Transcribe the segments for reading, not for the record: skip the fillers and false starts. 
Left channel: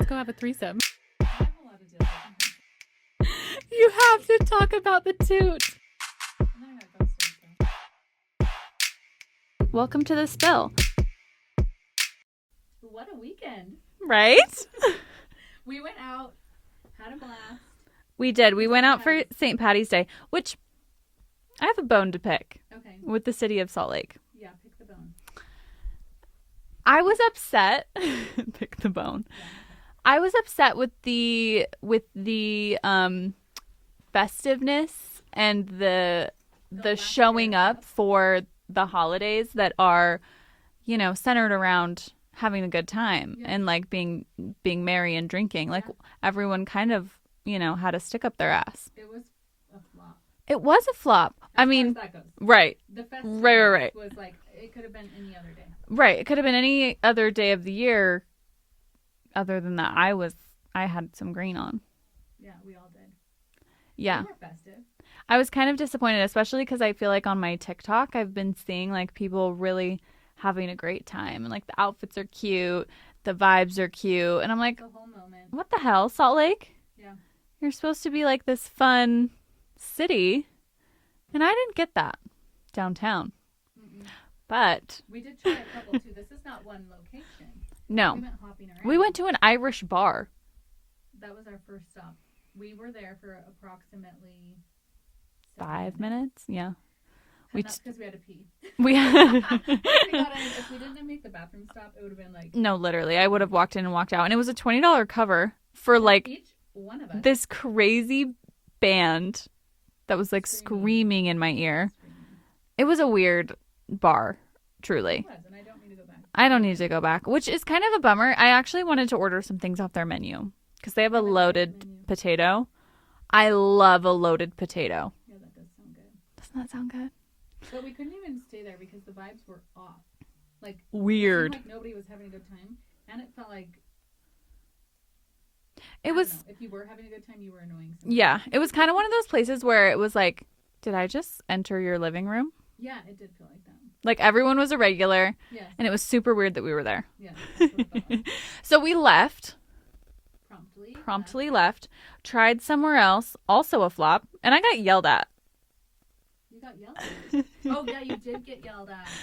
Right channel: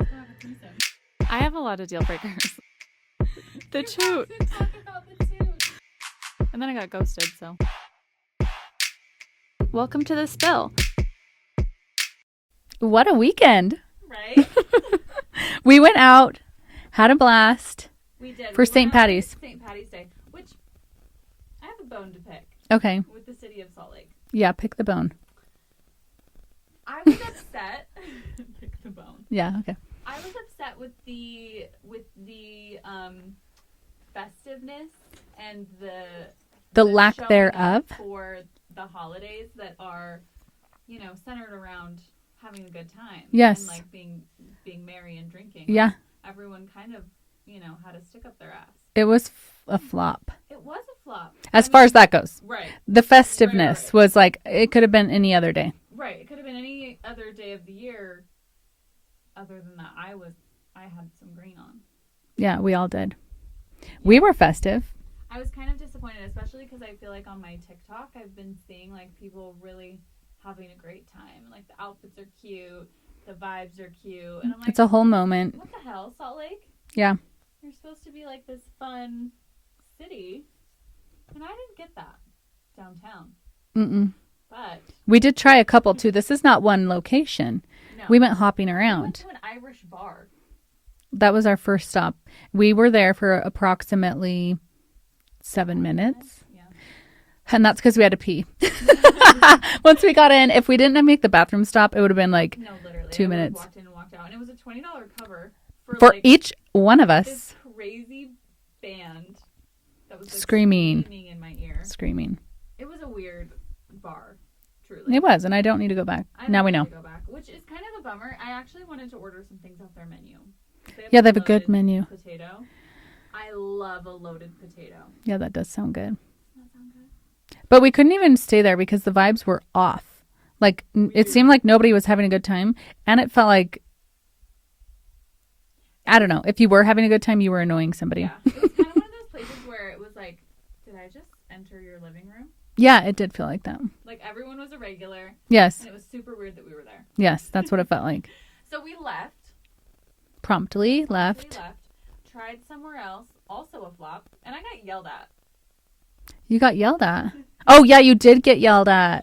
Let's go have a threesome. I have a lot of deal breakers. You have to talk about the toot. And then I got ghosted, so. Welcome to the spill. What a weekend. Right? We went out, had a blast. We did. For We went St. out Patty's. for St. Patty's Day, which I have a bone to pick Okay. with the city of Salt Lake. Yeah, pick the bone. I was upset. Pick the bone. Yeah, okay. I was upset with the festiveness and the lack showing thereof. up for the holidays that are, centered around having a good time. Yes. And like being merry and drinking. Like, Yeah. everyone kind of, had to stick up their ass. It was a flop. It was a flop. As far as that goes. Right. The festiveness Right. was like, it could have been any other day. Right. It could have been any other day of the year. Other than that, I had some green on. Yeah, we all did. Yeah. We were festive. I was kind of disappointed, especially because I feel like on my TikTok, I've been seeing like people really having a great time. And like the outfits are cute. The vibes are cute. And I'm like, It's a whole moment. what the hell, Salt Lake? Yeah. You're supposed to be like this fun city. And I didn't get that downtown. Mm-mm. But We did try a couple too. This is not one location. no. We went hopping around. We went to an Irish bar. That was our first stop. We were there for approximately 7 5 minutes. Yeah. And that's because we had to pee. We Once we got in, if we didn't make the bathroom stop, it would have been like No, literally. 2 I would have minutes. walked in and walked out. And it was a $20 cover for for like each one of us. this crazy band that was like Screaming. screaming in my ear. Screaming. It was a weird bar, truly. It was, and I don't need to go back. I now don't we need know. to go back, which is kind of a bummer. I actually wanted to order some things off their menu because they have Yeah, a they have a loaded good menu. potato. I love a loaded potato. Yeah, that does sound good. Doesn't that sound good? But we couldn't even stay there because the vibes were off. Like it Weird. seemed like nobody was having a good time, and it felt like I don't know. If you were having a good time, you were annoying somebody. Yeah, it was kind of one of those places where it was like, did I just enter your living room? Yeah, it did feel like that. Like everyone was a regular, Yes. and it was super weird that we were there. Yes, that's what it felt like. So we left. Promptly Left. Tried somewhere else, also a flop, and I got yelled at. You got yelled at. Oh, yeah, you did get yelled at.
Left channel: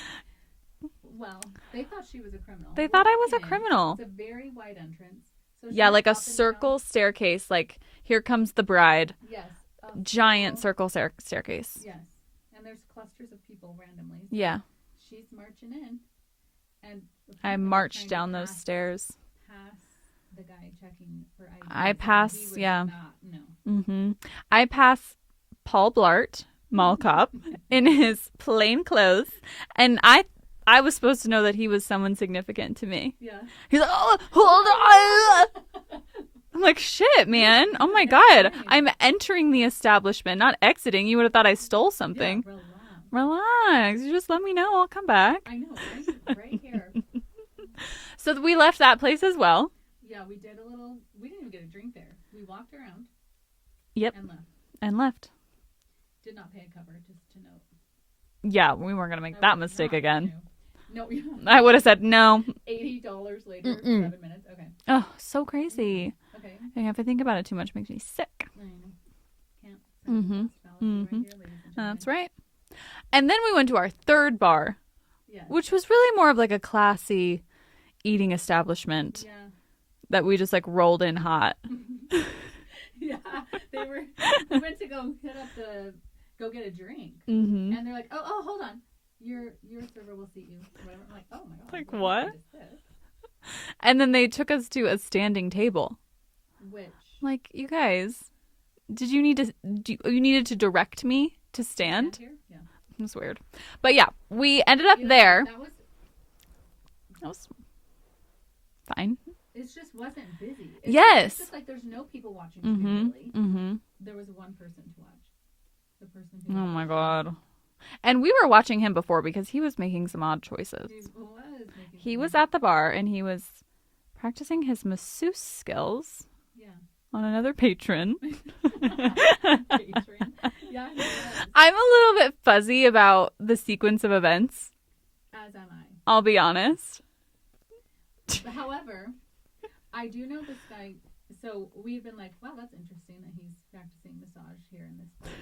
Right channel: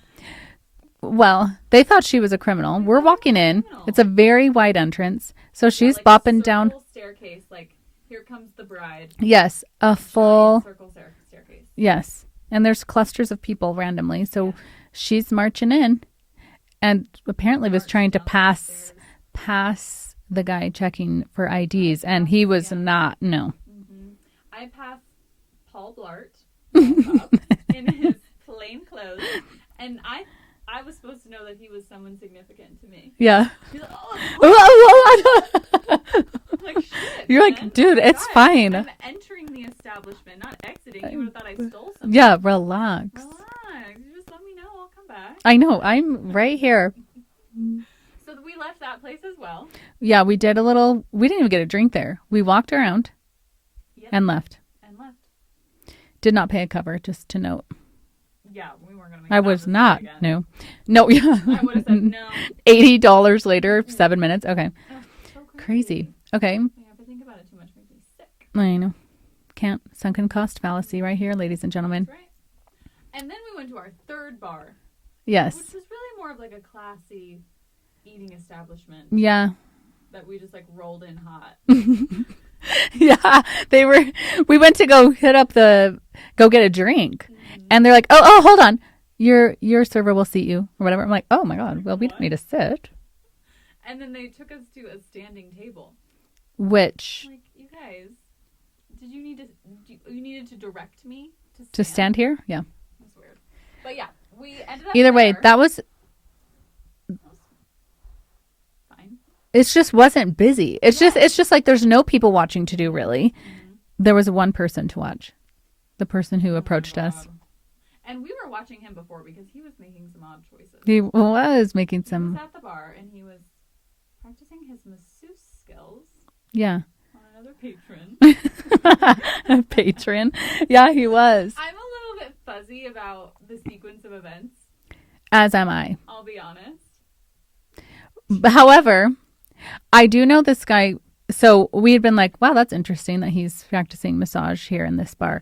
Well, they thought she was a criminal. They We're thought I was walking a in. criminal. It's a very wide entrance. So she's like bopping a down. circle staircase. Like, here comes the bride. Yes, a Giant full circle staircase. Yes. And there's clusters of people randomly. So Yeah. she's marching in and apparently I was marched trying to down those pass stairs. the guy checking for IDs, and he passed, was yeah. not. No. Mm-hmm. I pass Paul Blart, Mall Cop, in his plain clothes, and I was supposed to know that he was someone significant to me. Yeah. He's like, oh, I'm like, shit, You're like, man. dude, oh my it's God. fine. I'm entering the establishment, not exiting. You would have thought I stole something. Yeah, relax. Relax. You just let me know. I'll come back. I know. I'm right here. So we left that place as well. Yeah, we did we didn't even get a drink there. We walked around. Yep. And left. Did not pay a cover, just to note. Yeah, we weren't going to make I that was mistake not. again. No, yeah. I would have said no. $80 later, 7 minutes. Okay. Oh, so crazy. Okay. Yeah, if I think about it too much, it makes me sick. I know. Can't. Sunken cost fallacy right here, ladies and gentlemen. That's right. And then we went to our third bar, Yes. which was really more of like a classy eating establishment Yeah. that we just like rolled in hot. Yeah. We went to go go get a drink. Mm-hmm. And they're like, oh, hold on. Your server will seat you or whatever. I'm like, oh my God. Like, Well, we what? don't need to sit. And then they took us to a standing table. Which, Like, you guys, you needed to direct me to to stand? stand here? Yeah. It was weird. But yeah, we ended up Either there. way, that was fine. it just wasn't busy. Yes. It's just like there's no people watching to do really. Mm-hmm. There was one person to watch. The person who Oh my approached us. God. And we were watching him before because he was making some odd choices. He was making He some was at the bar and he was practicing his masseuse skills Yeah. on another patron. Patron. Yeah, he was. I'm a little bit fuzzy about the sequence of events. As am I. I'll be honest. However, I do know this guy. So we had been like, wow, that's interesting that he's practicing massage here in this bar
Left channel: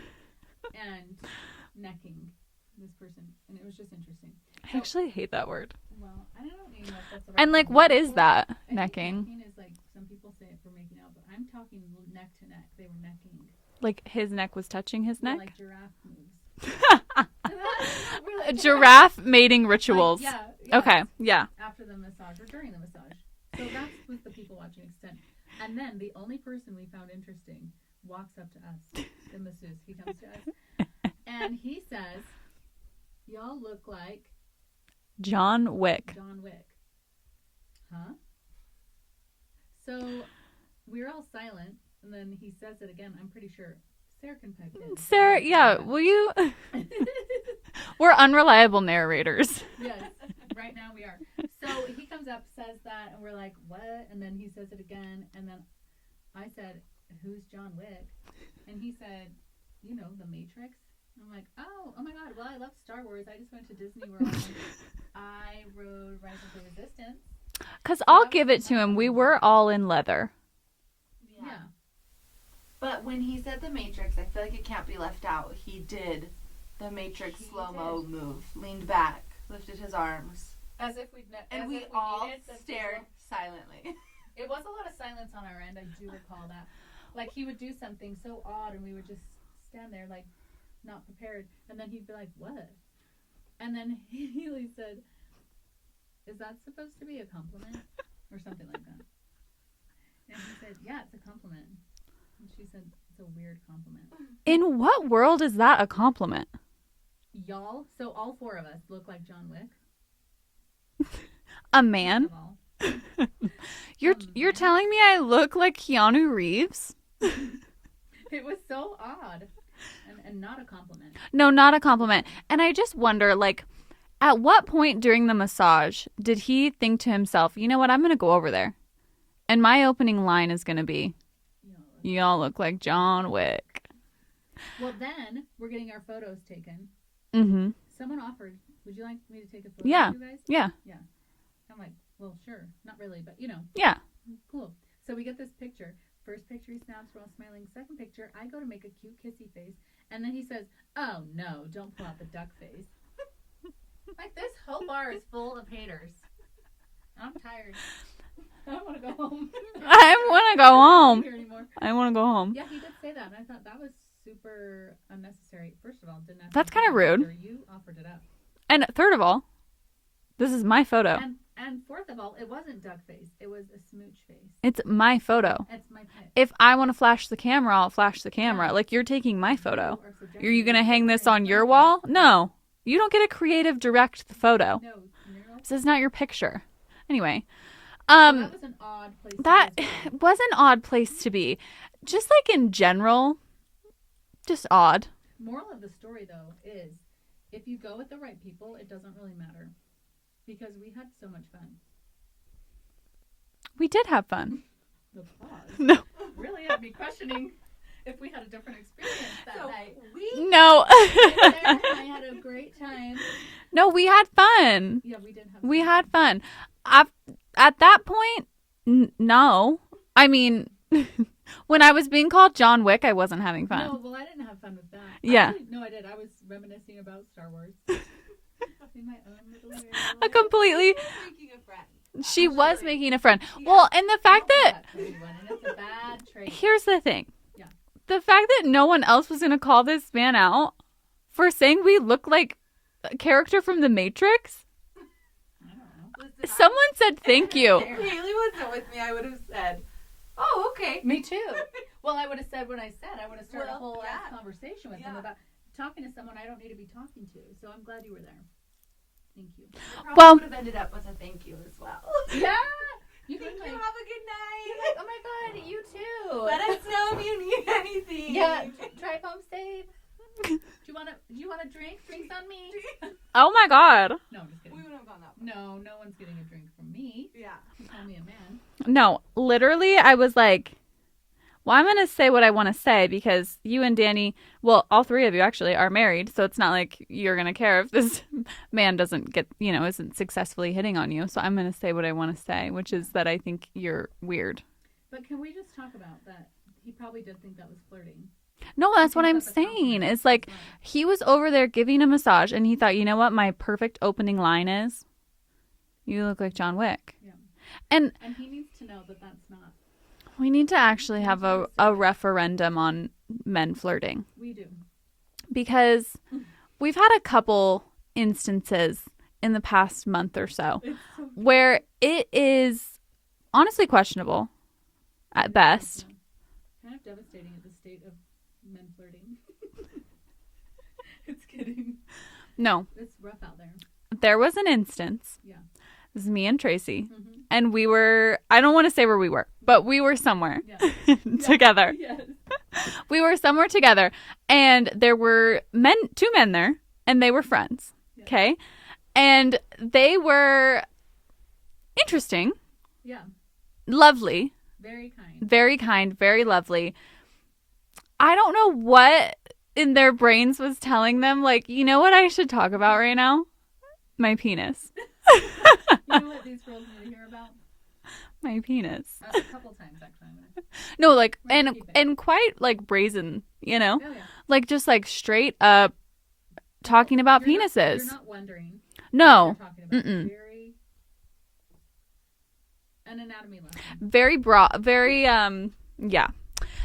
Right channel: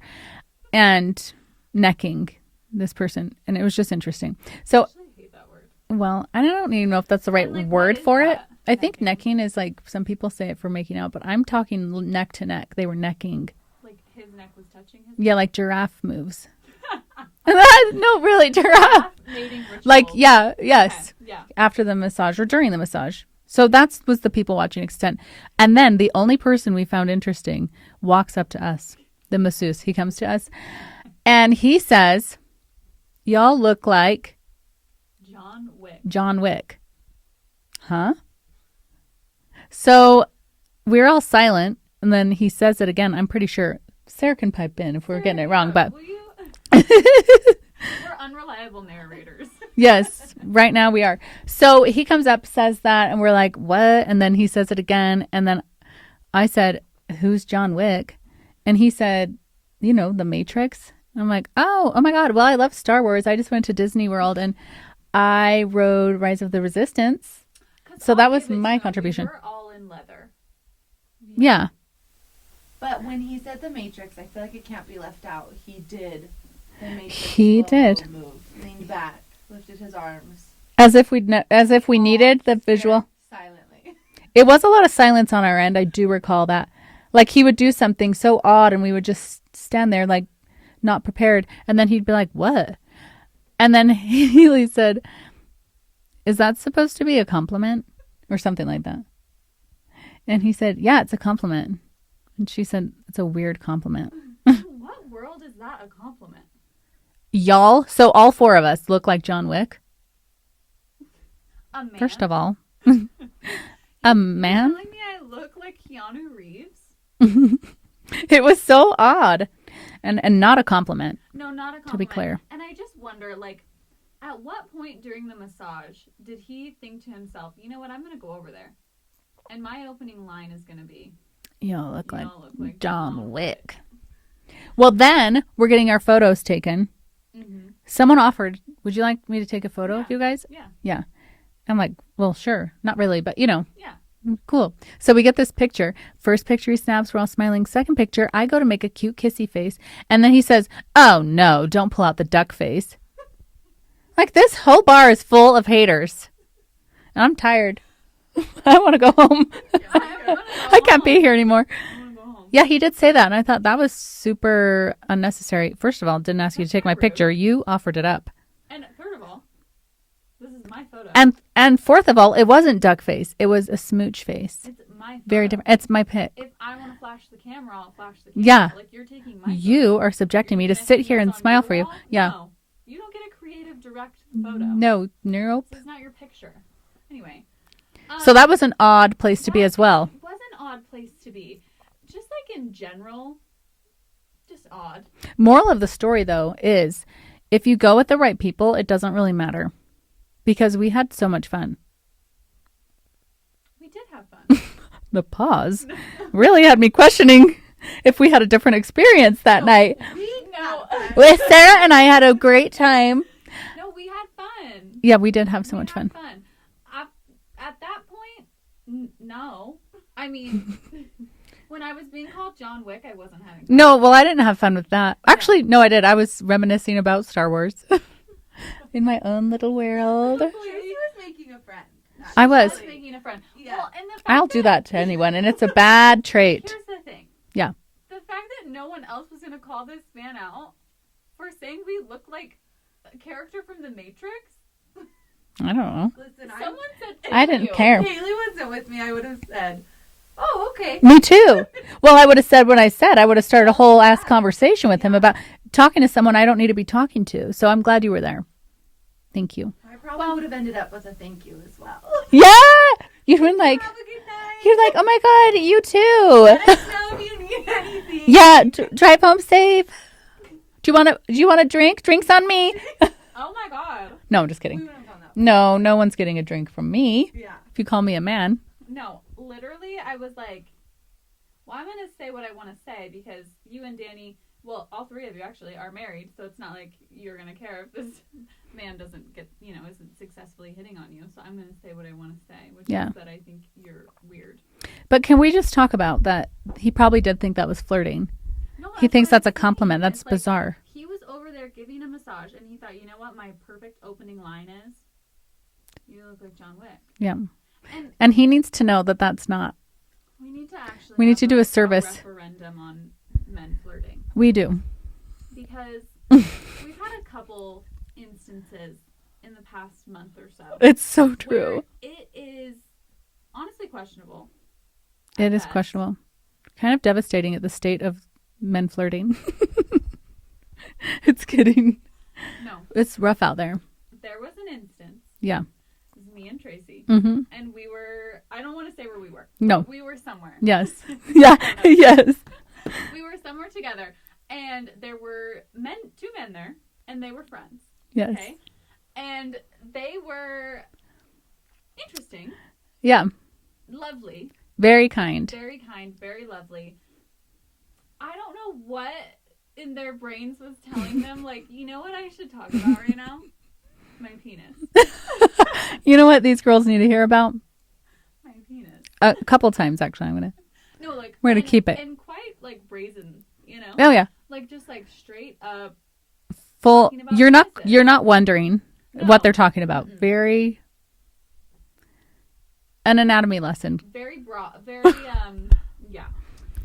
and necking this person. And it was just interesting. So I actually hate that word. well, I don't even know if that's the right And, like, word what is for that? it. I think Necking? necking is like some people say it for making out, but I'm talking neck to neck. They were necking. Like his neck was touching his neck? Yeah, like giraffe moves. No, really, giraffe mating rituals. Like, yeah, yes. Okay, yeah. After the massage or during the massage. So that was the people watching extent. And then the only person we found interesting walks up to us, the masseuse. He comes to us and he says, y'all look like John Wick. John Wick. Huh? So we're all silent. And then he says it again. I'm pretty sure Sarah can pipe in if we're getting it wrong. But will you? We're unreliable narrators. yes, right now we are. So he comes up, says that, and we're like, what? And then he says it again. And then I said, who's John Wick? And he said, you know, The Matrix. And I'm like, oh my God. Well, I love Star Wars. I just went to Disney World and I rode Rise of the Resistance. Because So I'll that was give it my to him. We contribution. were all in leather. Yeah. But when he said the Matrix, I feel like it can't be left out. He did the Matrix. He slow-mo did. Move, leaned back, lifted his arms. As if we needed the Stared visual. silently. It was a lot of silence on our end. I do recall that. Like he would do something so odd and we would just stand there like not prepared. And then he'd be like, what? And then Haley said, is that supposed to be a compliment? Or something like that. And he said, yeah, it's a compliment. And she said, it's a weird compliment. In what world is that a compliment? Y'all, so all four of us look like John Wick. A man? First of all. You're man? telling me I look like Keanu Reeves? It was so odd. And not a compliment. No, not a clear. compliment. And I just wonder, like, at what point during the massage did he think to himself, you know what, I'm going to go over there. And my opening line is going to be, y'all look like John Wick. Well, then we're getting our photos taken. Mm-hmm. Someone offered, would you like me to take a photo Yeah. of you guys? Yeah. Yeah. I'm like, well, sure. Not really, but you know, Yeah. cool. So we get this picture. First picture he snaps, we're all smiling. Second picture, I go to make a cute kissy face. And then he says, oh no, don't pull out the duck face. Like this whole bar is full of haters. And I'm tired. I want to go home. I want to go I home. can't be here anymore. I want to go home. Yeah, he did say that. And I thought that was super unnecessary. First of all, didn't ask you That's to take my kinda rude. picture. You offered it up. And third of all, this is my photo. And fourth of all, it wasn't duck face. It was a smooch face. It's my Very photo. different. It's my pic. If I want to flash the camera, I'll flash the camera. Yeah. Like, you're taking my photo. You are subjecting me to gonna sit hang here this and on smile your for you. wall? Yeah. No. You don't get a creative direct photo. No, nope. This is not your picture. Anyway. So that was an odd place to be as well. It was an odd place to be. Just like in general, just odd. Moral of the story, though, is if you go with the right people, it doesn't really matter. Because we had so much fun. We did have fun. The pause really had me questioning if we had a different experience that night. No. With Sarah and I had a great time. No, we had fun. Yeah, we did have so We much had fun. fun. At that point, no. I mean, when I was being called John Wick, I wasn't having fun. No, well, I didn't have fun with that. Yeah. Actually, no, I did. I was reminiscing about Star Wars in my own little I world. completely. Making a friend. She I was. was. Making a friend. Well, and the fact I'll do that to anyone, and it's a bad trait. Here's the thing. Yeah. The fact that no one else was going to call this man out for saying we look like a character from The Matrix. I don't know. Listen, Someone said I thank didn't you. care. if Haley wasn't with me, I would have said, oh, okay. Me too. Well, I would have said what I said. I would have started a whole ass conversation with him about talking to someone I don't need to be talking to. So I'm glad you were there. Thank you. I probably Well- would have ended up with a thank you as well. Yeah. You've been like, Have a good night. you're like, oh my God, you too. Let us know if you need anything. Yeah. Drive home safe. Do you want a drink? Drinks on me. Oh my God. No, I'm just We kidding. would have found out. No one's getting a drink from me. Yeah. If you call me a man. No, literally, I was like, Well, I'm going to say what I want to say because you and Danny, well, all three of you actually are married. So it's not like you're going to care if this man doesn't get, isn't successfully hitting on you. So I'm going to say what I want to say, which is that I think you're weird. But can we just talk about that? He probably did think that was flirting. No, that's he thinks what that's I'm a compliment. saying. That's it's bizarre. Like, he was over there giving a massage and he thought, you know what my perfect opening line is? You look like John Wick. Yeah. And he needs to know that that's not. We need to actually we have need to do a service referendum on men flirting. We do. Because we've had a couple instances in the past month or so. It's so true. Where it is honestly questionable. At best. It is questionable. Kind of devastating at the state of men flirting. It's kidding. No. It's rough out there. There was an instance. Yeah. It was me and Tracy. Mm-hmm. And we were, I don't want to say where we were, no. but we were somewhere. Yes. Together. Yes. We were somewhere together. And there were two men there, and they were friends. Yes. Okay. And they were interesting. Yeah. Lovely. Very kind. Very kind. Very lovely. I don't know what in their brains was telling them, like, you know what I should talk about right now? My penis. You know what these girls need to hear about? My penis. A couple times, actually. I'm going to. No, like, we're going to keep it. And quite, like, brazen, Oh, yeah. Like, just, like, straight up Full, talking about penises. You're not wondering what they're talking about. Mm-mm. Very... An anatomy lesson. Very broad. Very, yeah.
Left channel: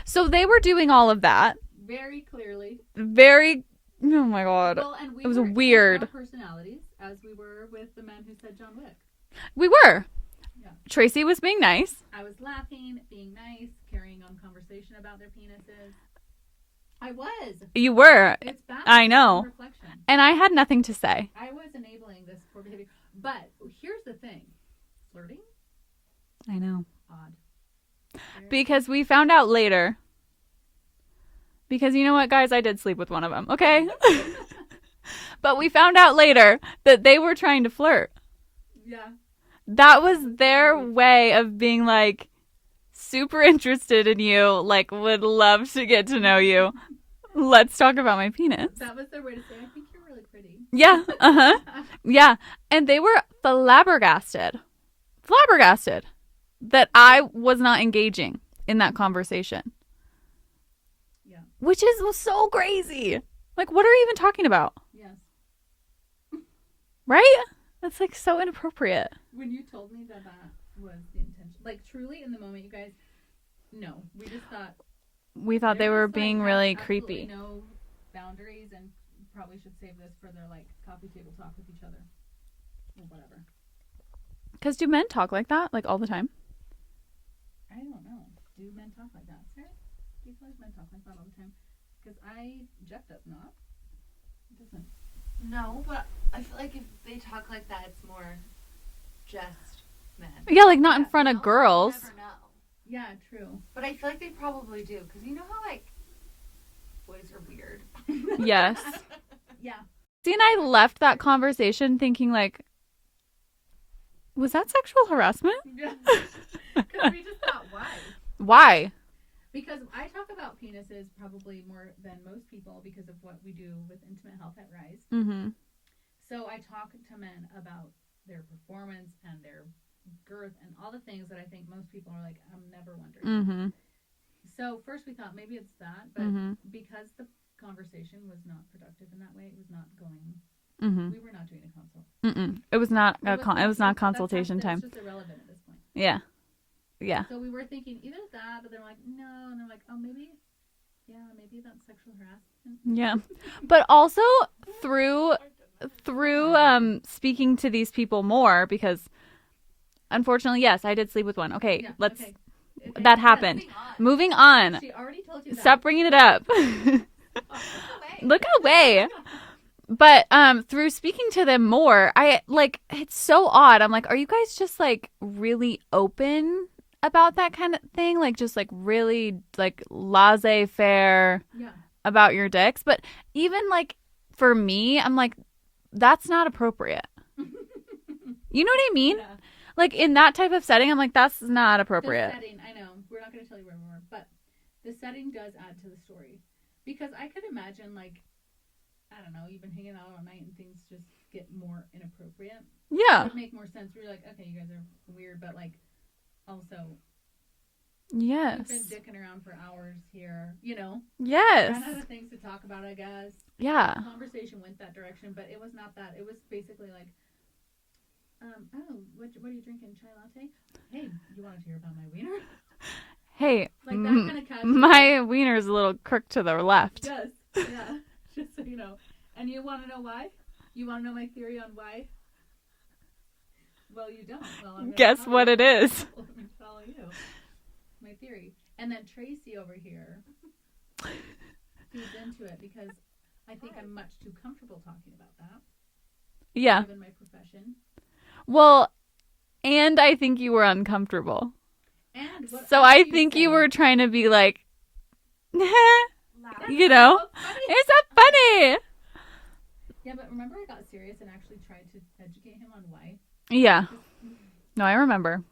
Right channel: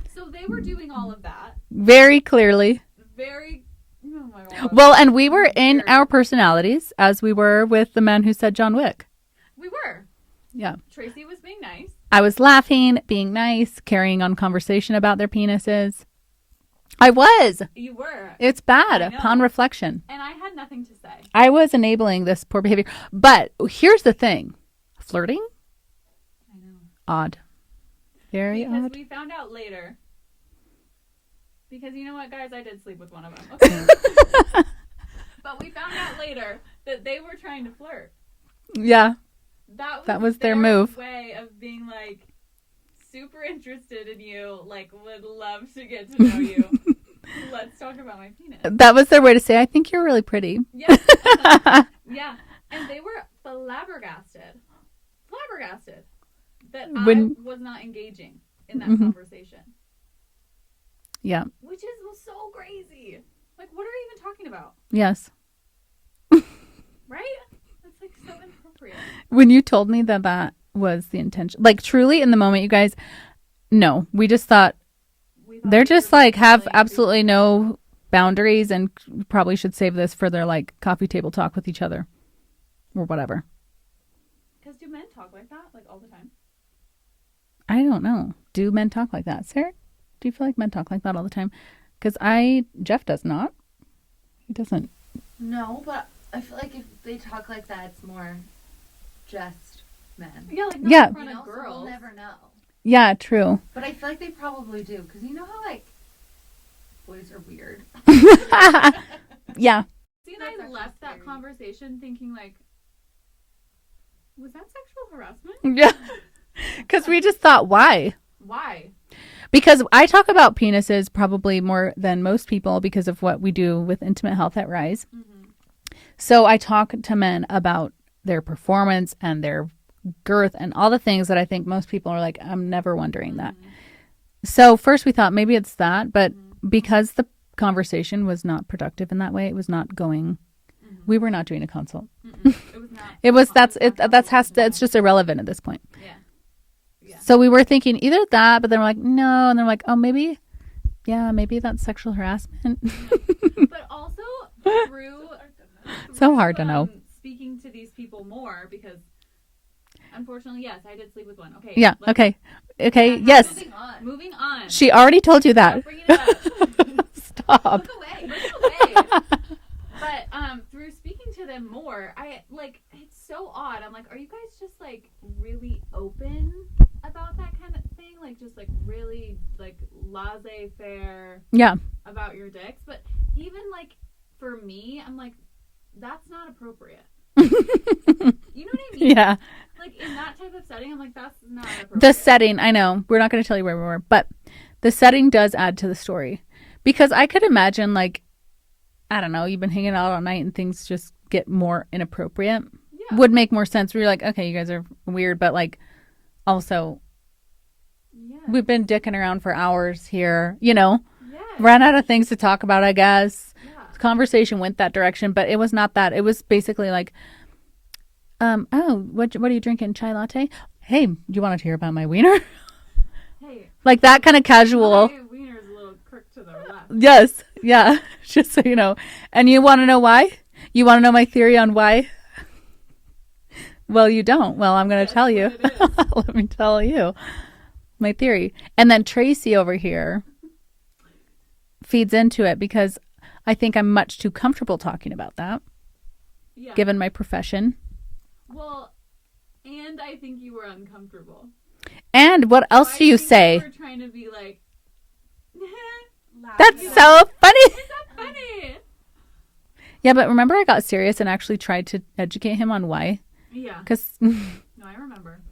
So they were doing all of that. Very clearly. Very... Oh, my God. Well, and we were weird. in our personalities as we were with the man who said John Wick. We were. Yeah. Tracy was being nice. I was laughing, being nice, carrying on conversation about their penises. I was. You were. It's bad. I know. On reflection. And I had nothing to say. I was enabling this poor behavior. But here's the thing. Flirting? I know. Odd. Very because odd. we found out later. Because you know what, guys? I did sleep with one of them, okay? But we found out later that they were trying to flirt. Yeah. That was their move. way of being like super interested in you, like would love to get to know you. Let's talk about my penis. That was their way to say, I think you're really pretty. Yeah. Uh-huh. Yeah. And they were flabbergasted that I was not engaging in that conversation. Yeah. Which was so crazy. Like, what are we even talking about? Yes. Right? That's like so inappropriate. When you told me that was the intention, like truly in the moment, you guys, no, we just thought they're just like have really absolutely creepy. No boundaries and probably should save this for their like coffee table talk with each other or whatever. Because do men talk like that like all the time? I don't know. Do men talk like that, Sarah? Do you feel like men talk like that all the time? Because Jeff does not. He doesn't. No, but I feel like if they talk like that, it's more just men. Yeah, like not in front of Also, girls. you'll never know. Yeah, true. But I feel like they probably do. Because you know how, like, boys are weird. Yes. Yeah. See, and I left that conversation thinking like, was that sexual harassment? Yeah. Because we just thought, why? Why? Because I talk about penises probably more than most people because of what we do with Intimate Health at Rise. Mm-hmm. So I talk to men about their performance and their girth and all the things that I think most people are like, I'm never wondering that. So first we thought maybe it's that, but because the conversation was not productive in that way, it was not going. We were not doing a consult. It was not. It's just irrelevant at this point. Yeah. Yeah. So we were thinking either that, but then we're like, no. And then we're like, oh, maybe that's sexual harassment. Yeah. But also through hard to know. speaking to these people more because unfortunately, yes, I did sleep with one. Okay. Yeah. Okay. That happened. Yes. Moving on. She already told you that. Stop bringing it up. Stop. Look away. But through speaking to them more, I like it's so odd. I'm like, are you guys just like really open about that kind of thing? Like just like really like laissez-faire about your dicks? But even like for me, I'm like, that's not appropriate. You know what I mean? Yeah. Like in that type of setting, I'm like, that's not appropriate. The setting, I know. We're not going to tell you where we were, but The setting does add to the story. Because I could imagine, like, I don't know, you've been hanging out all night and things just get more inappropriate. Yeah. Would make more sense where you're like, okay, you guys are weird, but like also we've been dicking around for hours here, you know? Yes. Ran out of things to talk about, I guess. Yeah. The conversation went that direction, but it was not that. It was basically like, what are you drinking? Chai latte? Hey, do you want to hear about my wiener? Hey. Like that kind of casual. My wiener's a little crooked to the left. Yes. Yeah. Just so you know. And you want to know why? You want to know my theory on why? Well, you don't. Well, I'm going to tell you. Guess what it is. Let me tell you my theory. And then Traci over here feeds into it because I think I'm much too comfortable talking about that. Yeah. Given my profession. Well, and I think you were uncomfortable. And what else do you say? I think you were trying to be like, that's so funny. Is that funny? Yeah, but remember I got serious and actually tried to educate him on why? Yeah. No, I remember.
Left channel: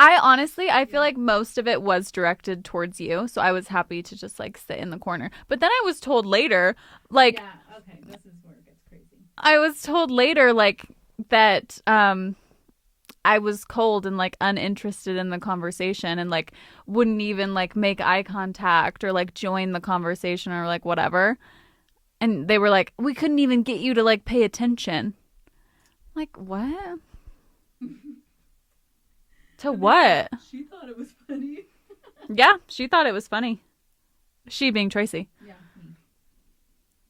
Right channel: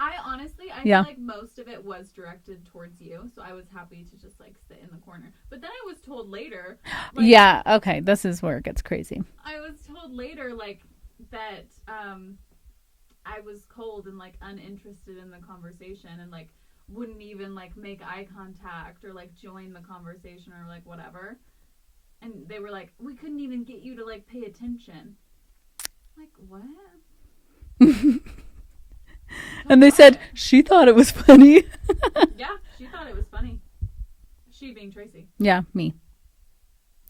I honestly, feel like most of it was directed towards you. So I was happy to just like sit in the corner. But then I was told later, like. Yeah, okay. This is where it gets crazy. I was told later, like, that I was cold and like uninterested in the conversation and like wouldn't even like make eye contact or like join the conversation or like whatever. And they were like, we couldn't even get you to like pay attention. Like, what? And they said she thought it was funny. Yeah, she thought it was funny. She being Traci. Yeah, me.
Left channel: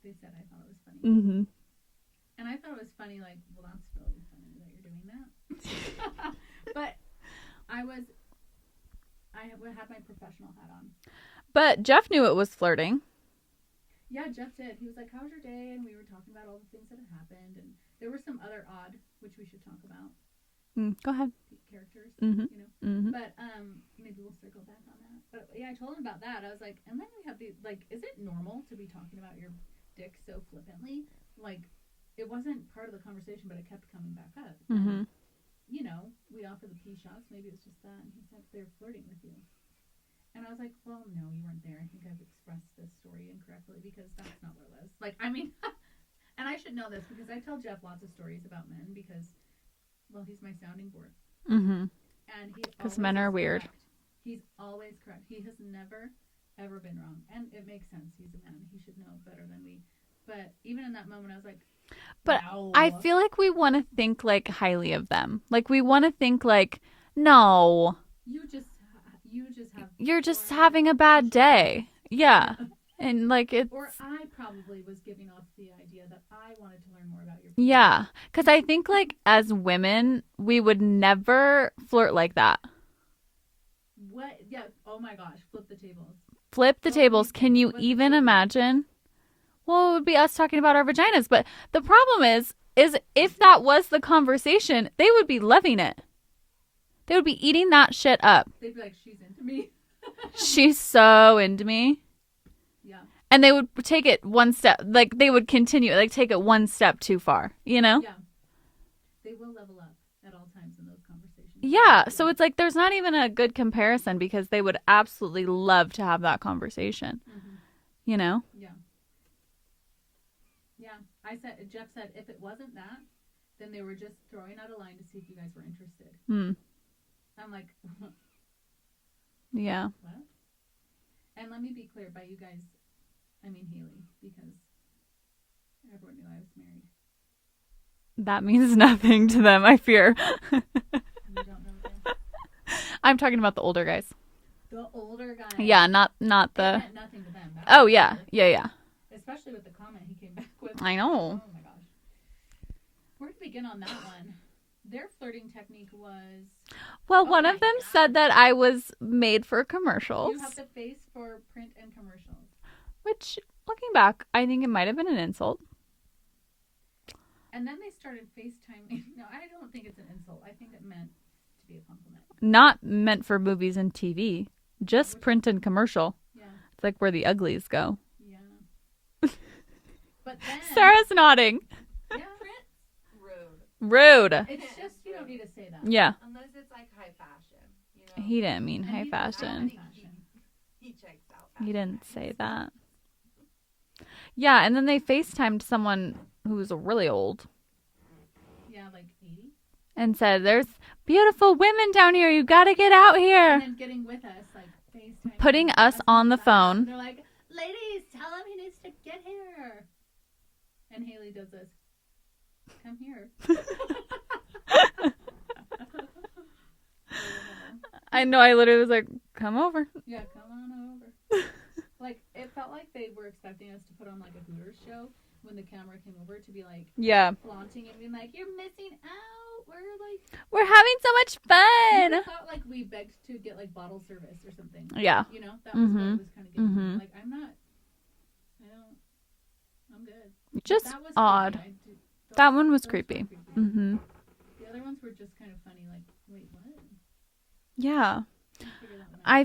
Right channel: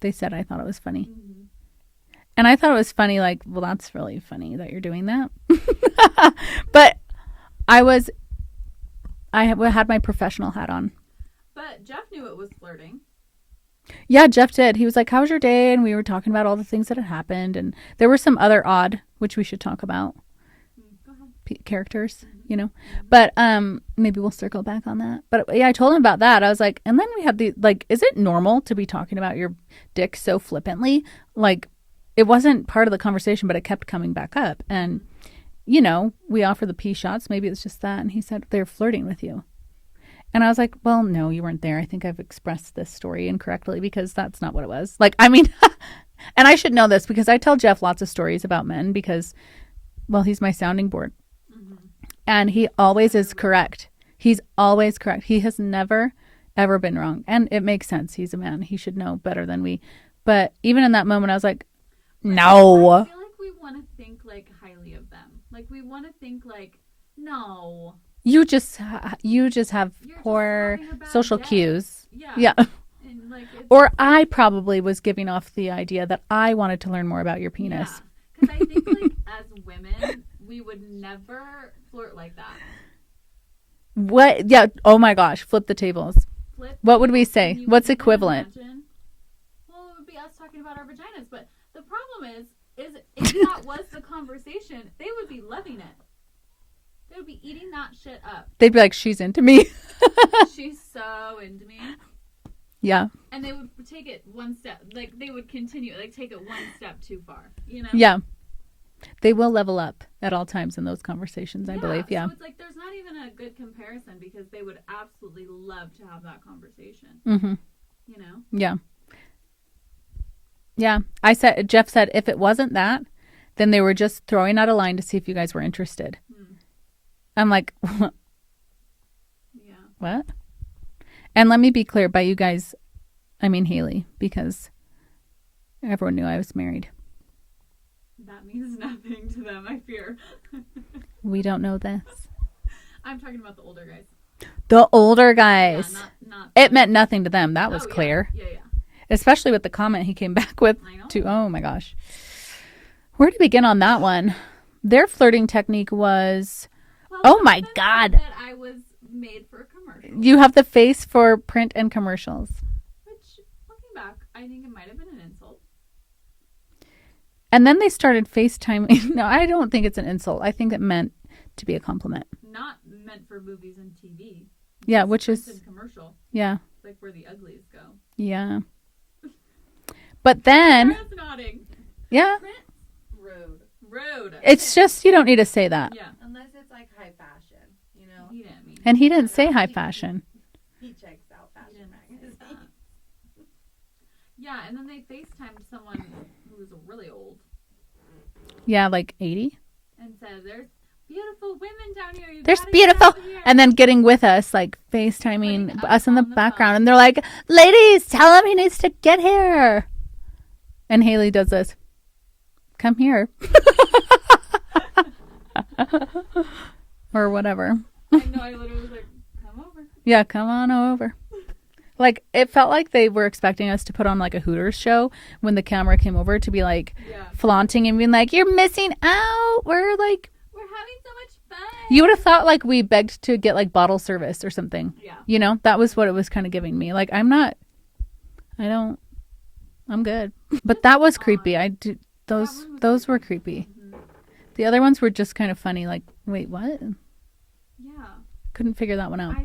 They said I thought it was funny. Mm-hmm. And I thought it was funny, like, well, that's really funny that you're doing that. But I had my professional hat on. But Jeff knew it was flirting. Yeah, Jeff did. He was like, how was your day? And we were talking about all the things that had happened. And there were some other odd, which we should talk about. Go ahead. Characters, you know. Mm-hmm. But maybe we'll circle back on that. But yeah, I told him about that. I was like, and then we had the, like, is it normal to be talking about your dick so flippantly? Like, it wasn't part of the conversation, but it kept coming back up. And, you know, we offer the pee shots. Maybe it's just that. And he said, they're flirting with you. And I was like, well, no, you weren't there. I think I've expressed this story incorrectly because that's not what it was. Like, I mean, and I should know this because I tell Jeff lots of stories about men because, well, he's my sounding board. Mm-hmm. And he always is correct. He's always correct. He has never, ever been wrong. And it makes sense. He's a man. He should know better than we. But even in that moment, I was like, but no. I feel like we want to think like highly of them. Like we want to think like, no. You're just having a bad day. Cues. Yeah. And like it's... Or I probably was giving off the idea that I wanted to learn more about your penis. Yeah. Because I think like as women, we would never flirt like that. What? Yeah. Oh my gosh. Flip the tables. What would we say? Can you What's even equivalent? Imagine? Well, it would be us talking about our vaginas. But the problem is if that was the conversation, they would be loving it. They would be eating that shit up. They'd be like, she's into me. She's so into me. Yeah. And they would take it one step, like they would continue, like take it one step too far, you know? Yeah. They will level up at all times in those conversations. Yeah. So it's like there's not even a good comparison because they would absolutely love to have that conversation. Mm-hmm. You know? Yeah. Yeah. Jeff said, if it wasn't that, then they were just throwing out a line to see if you guys were interested. I'm like, yeah. What? And let me be clear, by you guys, I mean Haley, because everyone knew I was married. That means nothing to them, I fear. We don't know this. I'm talking about the older guys. The older guys. Yeah, not It meant nothing to them. That was clear. Yeah. Especially with the comment he came back with. I know. Oh my gosh. Where to begin on that one? Their flirting technique was... Well, one of them said that I was made for commercials. You have the face for print and commercials. Which, looking back, I think it might have been an insult. And then they started FaceTiming. No, I don't think it's an insult. I think it meant to be a compliment. Not meant for movies and TV. Just which print and commercial. Yeah. It's like where the uglies go. Yeah. But then... Sarah's nodding. Yeah. Rude. It's just, you don't need to say that. Yeah. Unless it's like high fashion, you know? He didn't mean. And he didn't say high fashion. He checks out. Fashion He didn't say that. Yeah, and then they FaceTimed someone who was really old. Yeah, like 80. And said, "There's beautiful women down here. You There's gotta get out here." And then getting with us, like FaceTiming, putting us in on the the background, phone. and they're like, "Ladies, tell him he needs to get here." And Haley does this. Come here. Or whatever. I know. I literally was like, "Come over." Yeah, come on over. Like, it felt like they were expecting us to put on like a Hooters show when the camera came over to be like Yeah. flaunting and being like, "You're missing out. We're having so much fun." You would have thought like we begged to get like bottle service or something. Yeah. You know, that was what it was kind of giving me. Like, I'm good. But Just that was odd. creepy. That one was those were creepy. creepy. Mm-hmm. The other ones were just kind of funny. Like, wait, what? Yeah. Couldn't figure that one out. I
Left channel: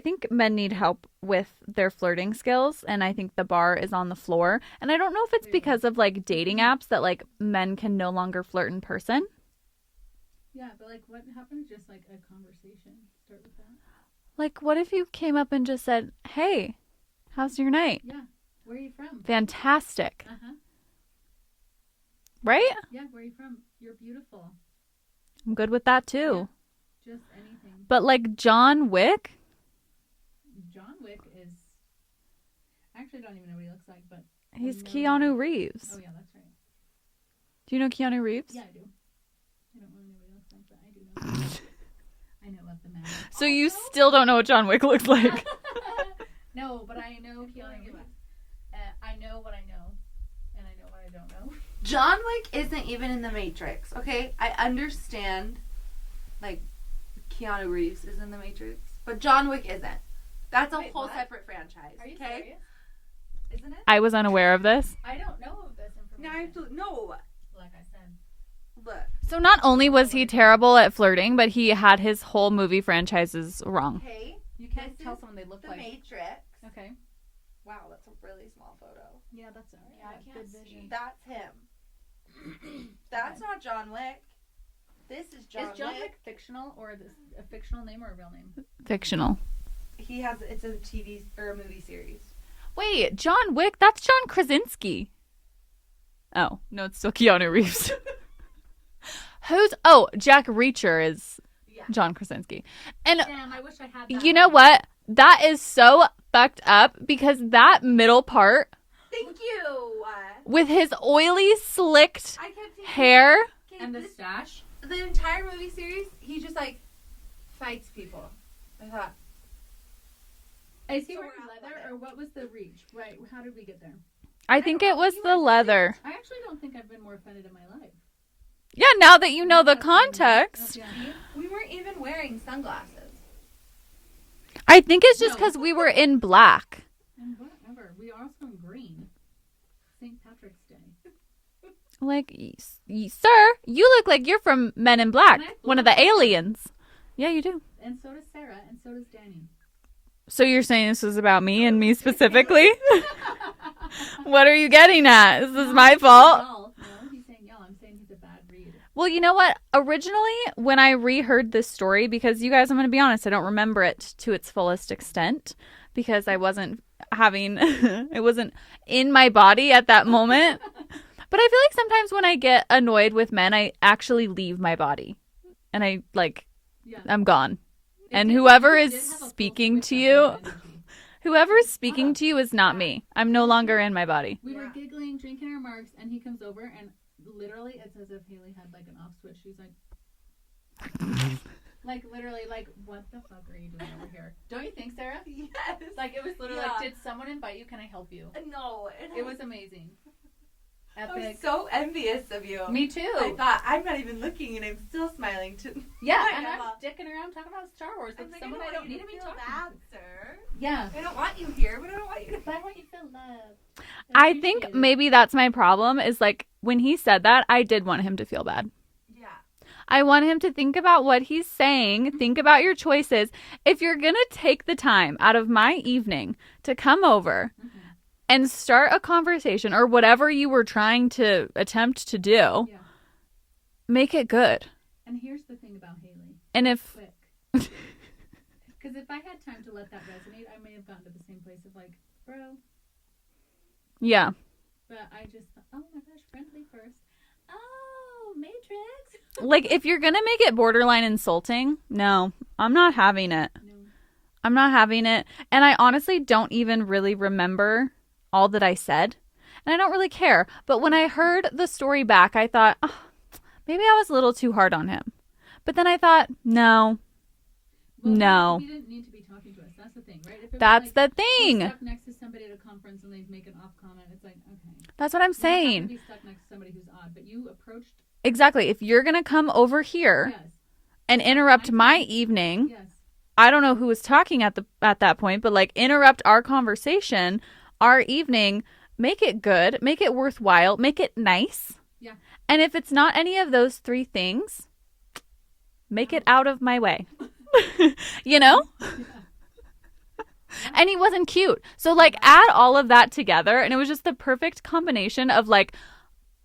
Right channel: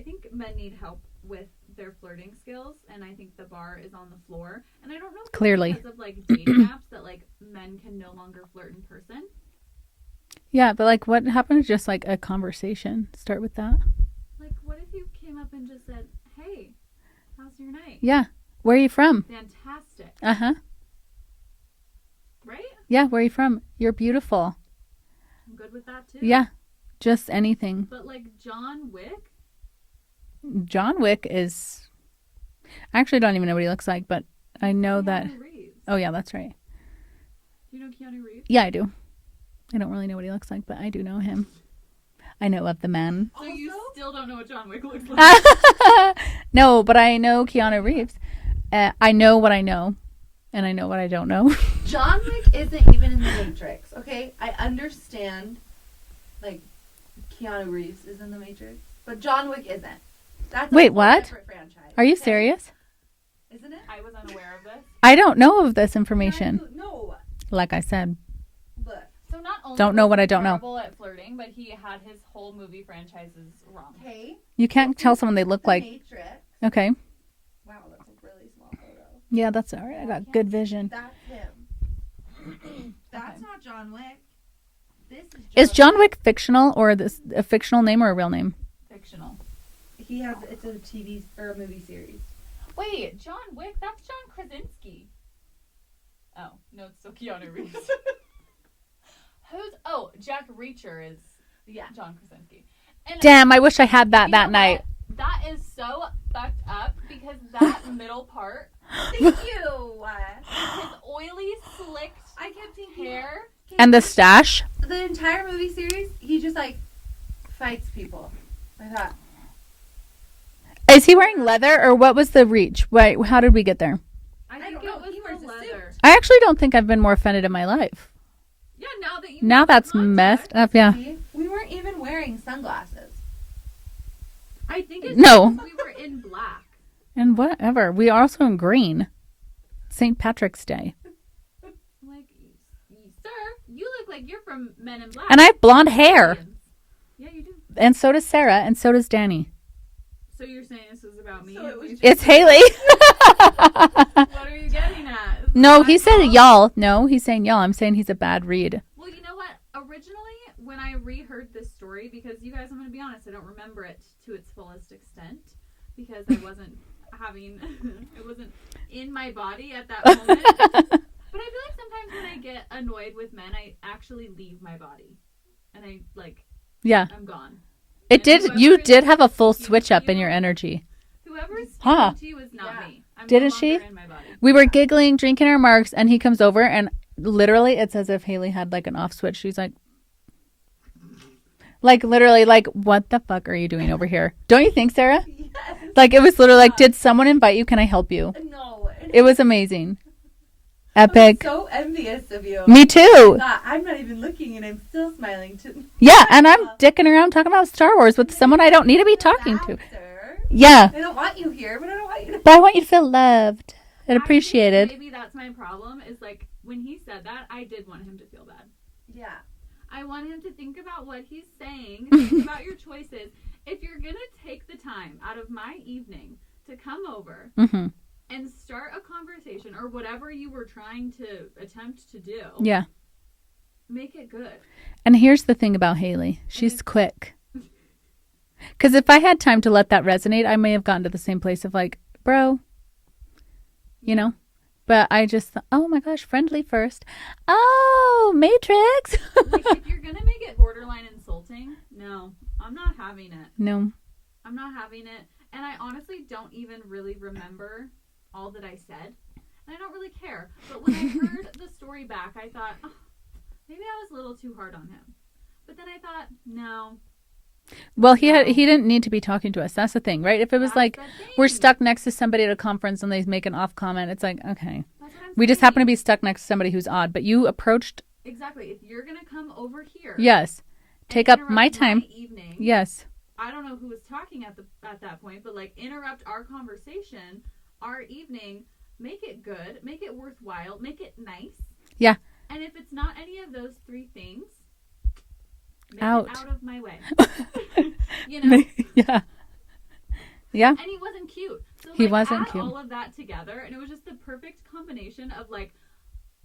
think men need help with their flirting skills, and I think the bar is on the floor. And I don't know if it's Clearly. because of like dating apps that like men can no longer flirt in person. Yeah, but like, what happened to just like a conversation? Start with that. Like, what if you came up and just said, "Hey, how's your night?" Yeah. Where are you from? Fantastic. Uh-huh. Right? Yeah, where are you from? You're beautiful. I'm good with that too. Yeah. Just anything. But like John Wick, John Wick is... I actually don't even know what he looks like, but I know Keanu that... Reeves. Oh, yeah, that's right. Do you know Keanu Reeves? Yeah, I do. I don't really know what he looks like, but I do know him. I know of the man. So you still don't know what John Wick looks like? No, but I know Keanu Reeves. I know what I know, and I know what I don't know. John Wick isn't even in the Matrix, okay? I understand, like, Keanu Reeves is in the Matrix, but John Wick isn't. That's a Wait, whole what? separate franchise. Are you okay? serious? Isn't it? I was unaware of this. I don't know of this information. No. Like I said. Look. So not only Don't know was what he I don't know. terrible at flirting, but he had his whole movie franchises wrong. Okay. You can't tell someone they look The like... Matrix. Okay. Wow, that's a really small photo. Yeah, that's all right. I got good vision. That's him. That's not John Wick. This Is John Wick fictional, or this a fictional name or a real name? Fictional. It's a TV or a movie series. Wait, John Wick? That's John Krasinski. Oh, no, it's still Keanu Reeves. Jack Reacher is John Krasinski. And Damn, I wish I had that you know that night. what? That is so fucked up because that middle part Thank you. with his oily, slicked I kept thinking, hair. And the stash. the entire movie series, he just like fights people. I thought. Is he wearing leather, or what was the reach? Wait, how did we get there? I think don't it know. was He the wears a leather. I actually don't think I've been more offended in my life. Yeah, now that you know Now the that's context. messed up. Yeah. We weren't even wearing sunglasses. I think it's just No. because we were in black. And whatever. We are also in green. St. Patrick's Day. Like, sir, you look like you're from Men in Black. And I have one of blonde the hair. aliens. Yeah, you do. And so does Sarah, and so does Danny. So you're saying this is about me and me It's specifically? Haley. What are you getting at? Is this No, my he's fault? saying y'all. No, he's saying y'all. I'm saying he's a bad read. Well, you know what? Originally, when I reheard this story, because you guys, I'm going to be honest, I don't remember it to its fullest extent because I wasn't it wasn't in my body at that moment. But I feel like sometimes when I get annoyed with men, I actually leave my body. And Yeah. I'm gone. It And did. whoever You is did have a full speaking switch to up in you- your energy. Whoever is speaking Huh. to you is not me. I'm no Didn't longer she? in my body. We were giggling, drinking our marks, and he comes over, and literally, it's as if Haley had like an off switch. She's like, literally, what the fuck are you doing over here? Don't you think, Sarah? Yes. Like, it was literally like, did someone invite you? Can I help you? No. It was amazing. I'm Epic. so envious of you. Me too. I'm not even looking, and I'm still smiling too. Yeah, and I'm dicking around talking about Star Wars with someone I don't need to be talking to. Yeah, I don't want you here, but I don't want you to. but I want you to feel loved and I appreciated. think maybe that's my problem is like when he said that, I did want him to feel bad. Yeah. I want him to think about what he's saying, think about your choices. If you're going to take the time out of my evening to come over Mhm. and start a conversation or whatever you were trying to attempt to do, Yeah. make it good. And here's the thing about Haley. And She's if- quick. Because if I had time to let that resonate, I may have gotten to the same place of like, bro. You know? But I just thought, oh my gosh, friendly first. Oh, Matrix. Like, if you're going to make it borderline insulting, no, I'm not having it. No. I'm not having it. And I honestly don't even really remember all that I said. And I don't really care. But when I heard the story back, I thought, oh, maybe I was a little too hard on him. But then I thought, no. Well, he didn't need to be talking to us. That's the thing, right? If it was That's like the thing. we're stuck next to somebody at a conference and they make an off comment, it's like, okay. That's what I'm saying. We just happen to be stuck next to somebody who's odd, but you approached. Exactly. If you're going to come over here. Yes. And interrupt my evening. Yes. I don't know who was talking at that point, but like interrupt our conversation, our evening, make it good, make it worthwhile, make it nice. Yeah. And if it's not any of those three things, make it out of my way. You know? Yeah. Yeah. And he wasn't cute. So like add all of that together and it was just the perfect combination of like,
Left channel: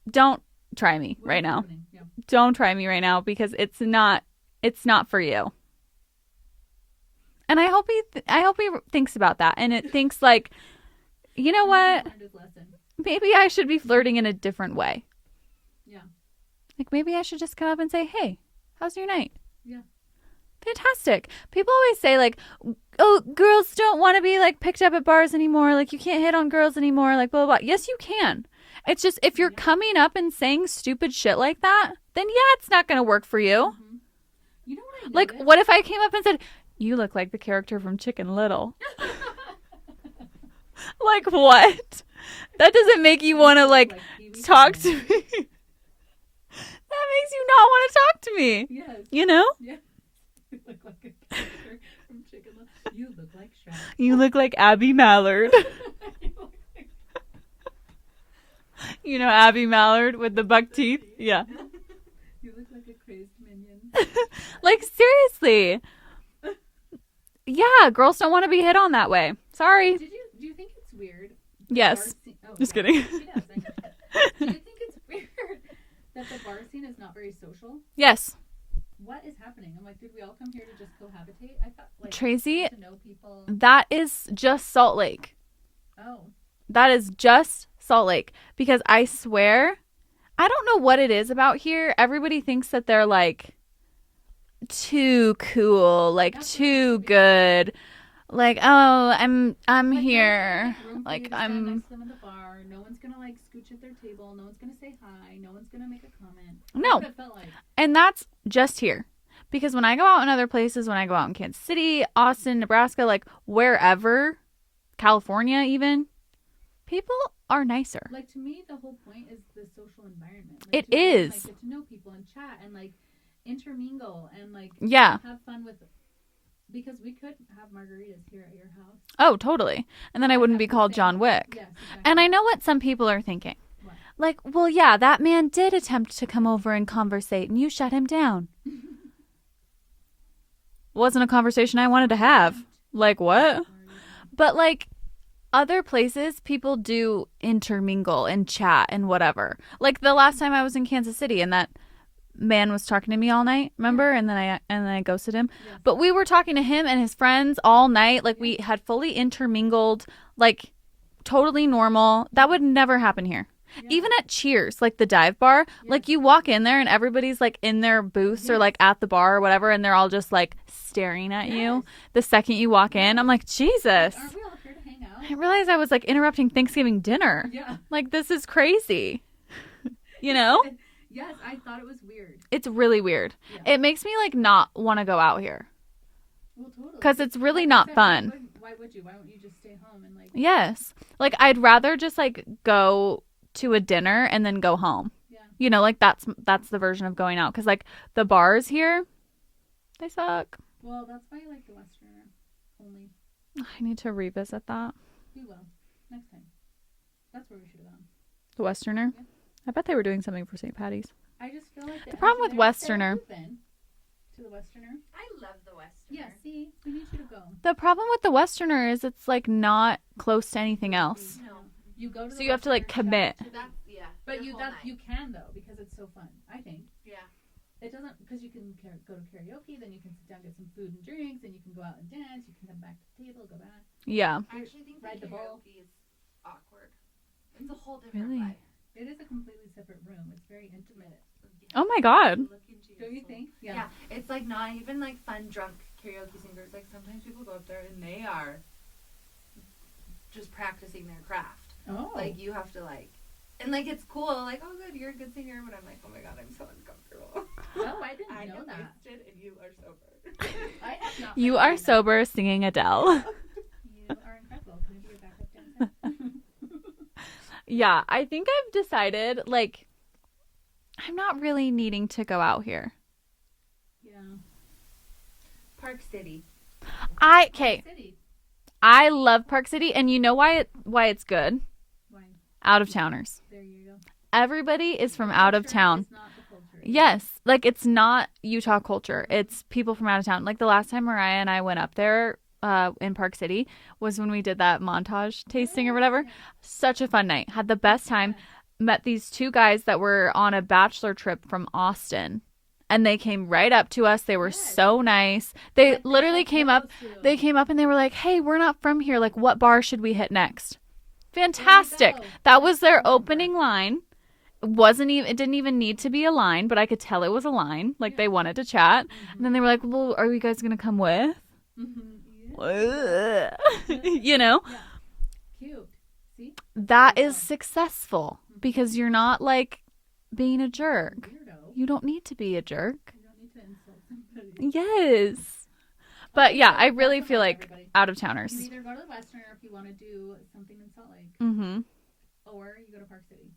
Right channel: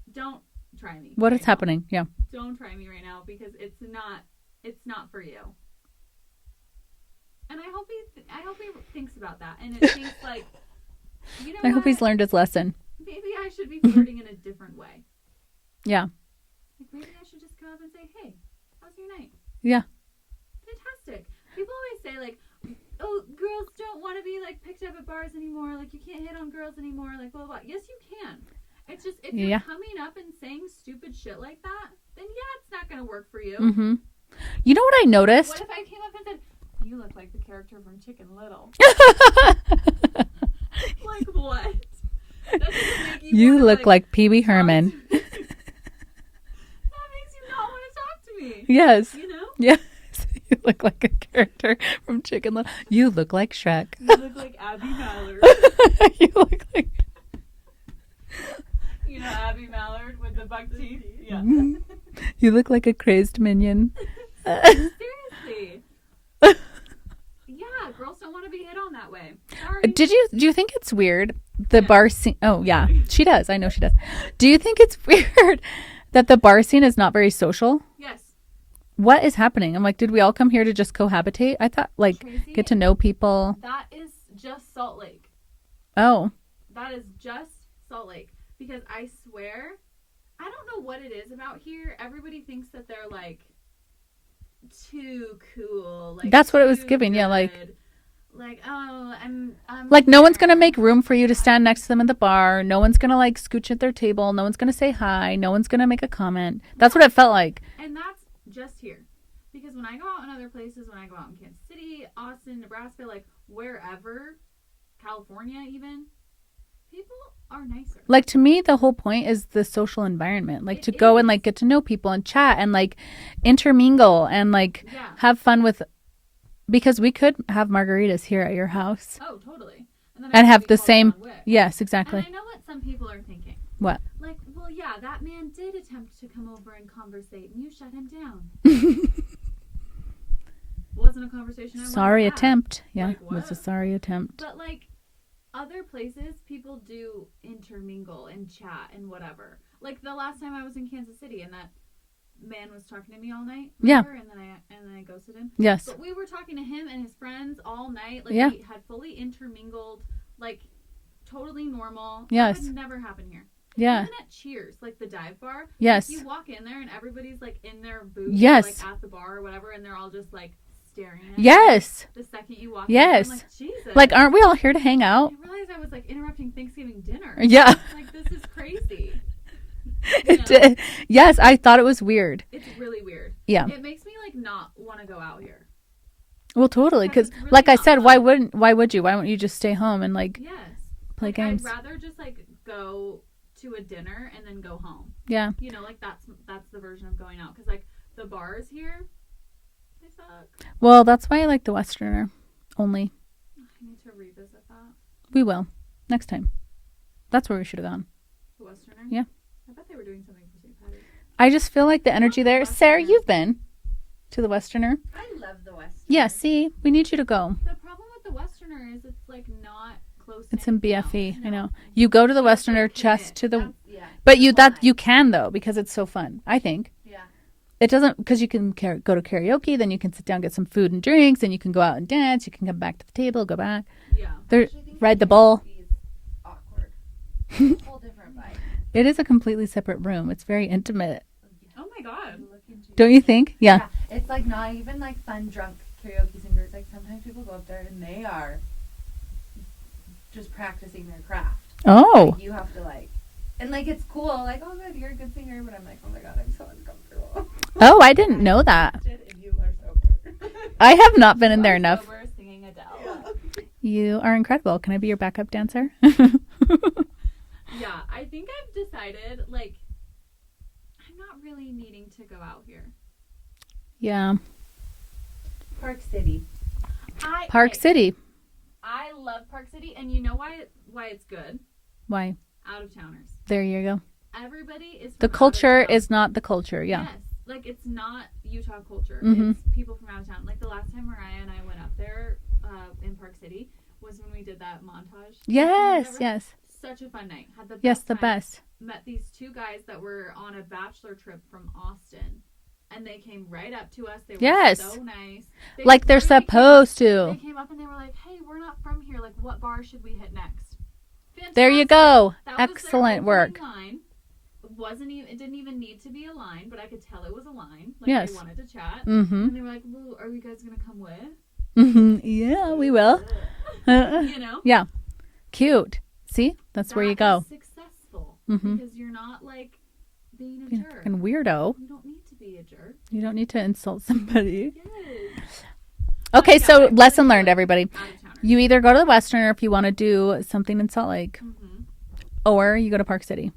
don't try me what right is now. happening? Yeah. Don't try me right now because it's not for you. And I hope he thinks about that and it thinks like, you know what? I hope he's learned his lesson. Maybe I should be flirting in a different way. Yeah. Like maybe I should just come up and say, hey, how's your night? Yeah. Fantastic. People always say like, oh, girls don't want to be like picked up at bars anymore. Like you can't hit on girls anymore. Like blah, blah, blah. Yes, you can. It's just if you're coming up and saying stupid shit like that, then yeah, it's not going to work for you. Mm-hmm. You know what I noticed? Like, what if I came up and said, you look like the character from Chicken Little? Like what? That doesn't make you want to like Pee Wee Herman. That makes you not want to talk to me. Yes. You know? Yes. You look like a character from Chicken Little. You look like Shrek. You look like Abby Mallard. You look like... You know Abby Mallard with the buck teeth? Yeah. You look like a crazed minion. Like, seriously. Yeah, girls don't want to be hit on that way. Sorry. Do you think it's weird? The Yes. bar scene. Oh, Just yeah. kidding. She does. I know she does. Do you think it's weird that the bar scene is not very social? Yes. What is happening? I'm like, did we all come here to just cohabitate? I thought, like, Tracy, get to know people. that is just Salt Lake. Oh. That is just Salt Lake. Because I swear, I don't know what it is about here. Everybody thinks that they're like too cool, like that's too what it was giving. good. Like, oh, I'm like, here. no one's gonna make room for Like, you to stand next to them at the bar. No one's gonna like scooch at their table. No one's gonna say hi. No one's gonna make a comment. That's No. what it felt like. And that's just here. Because when I go out in other places, when I go out in Kansas City, Austin, Nebraska, like wherever, California even, people are nicer. Like, to me, the whole point is the social environment. Like, It to go and is. like get to know people and chat and like intermingle and like Yeah. have fun with. Because we could have margaritas here at your house. Oh, totally. And then I And would have be the called same- John Wick. Yes, exactly. And I know what some people are thinking. What? Like, well, yeah, that man did attempt to come over and conversate, and you shut him down. Wasn't a conversation I wanted Sorry to have. attempt. Yeah, Like, what? that's a sorry attempt. But, like, other places, people do intermingle and chat and whatever. Like, the last time I was in Kansas City, and that man was talking to me all night, remember? And then I ghosted him. Yes. But we were talking to him and his friends all night. Like, Yeah. we had fully intermingled, like, totally normal. Yes. That would never happen here. Yeah. Even at Cheers, like the dive bar, Yes. like you walk in there and everybody's like in their booth Yes. or like at the bar or whatever, and they're all just like staring at you. Yes. The second you walk in, Yes. I'm like, Jesus. Like, aren't we all here to hang out? I realized I was like interrupting Thanksgiving dinner. Yeah. Like, this is crazy. You know? Yes, I thought it was weird. It's really weird. Yeah. It makes me like not want to go out here. Well, totally. 'Cause it's really like I not said, fun. why would you? Why wouldn't you just stay home and like? Yes. Like, Play I'd games. rather just like go to a dinner and then go home. Yeah. You know, like that's the version of going out. Because like the bars here, they suck. Well, that's why I like the Westerner only. I need to revisit that. We will next time. That's where we should have gone. The Westerner? Yeah. I bet they were doing something for St. Patty's. I just feel like the energy with there. Sarah, Westerner- you've been to the Westerner. I love the West. Yeah. See, we need you to go. The problem with the Westerner is it's like not close to It's in anything else. BFE. I know. You go to the So you have to, Westerner like, commit. just to the. Yeah. But you can though because it's so fun. I think. Yeah. It doesn't, because you can go to karaoke, then you can sit down, get some food and drinks, and you can go out and dance. You can come back to the table, go back. Yeah. Ride the bull. Awkward. It's a whole different vibe. It is a completely separate room. It's very intimate. Oh my God. Don't you think? Yeah. It's like not even like fun drunk karaoke singers. Like sometimes people go up there and they are just practicing their craft. Oh. Like, you have to like, and like it's cool. Like, oh good, you're a good singer. But I'm like, oh my God, I'm so uncomfortable. Oh, I didn't know that. If you are sober. I have not been You in there are enough. sober singing Adele. You are incredible. Can I be your backup dancer? Yeah, I think I've decided, like, I'm not really needing to go out here. Yeah. Park City. Park City. I love Park City, and you know why it's good? Why? Out of towners. There you go. Everybody is from The out of town. culture is not the culture. Yeah. Yes. Like, it's not Utah culture. Mhm. It's people from out of town. Like, the last time Mariah and I went up there in Park City was when we did that montage tasting or whatever. Yes. Such a fun night. Had the best Yes, the time. best. Met these two guys that were on a bachelor trip from Austin. And they came right up to us. They were Yes. so nice. They Like they're literally supposed to. They came up and they were like, hey, we're not from here. Like, what bar should we hit next? Fantastic. There you go. That was their Excellent opening work. line. It didn't even need to be a line, but I could tell it was a line. Like, they Yes. wanted to chat. Mm-hmm. And then they were like, well, are you guys going to come with? Mm-hmm. Yeah, we will. You know? Yeah. Cute. See? That's where you That go. is successful Mhm. because you're not, like, being a jerk. And weirdo. You don't need to be a jerk. You don't need to insult somebody. Yes. But Okay, yeah, so I really lesson feel learned, like everybody. Out of towners. You either go to the Western or if you want to do something in Salt Lake, Mm-hmm. or you go to Park City.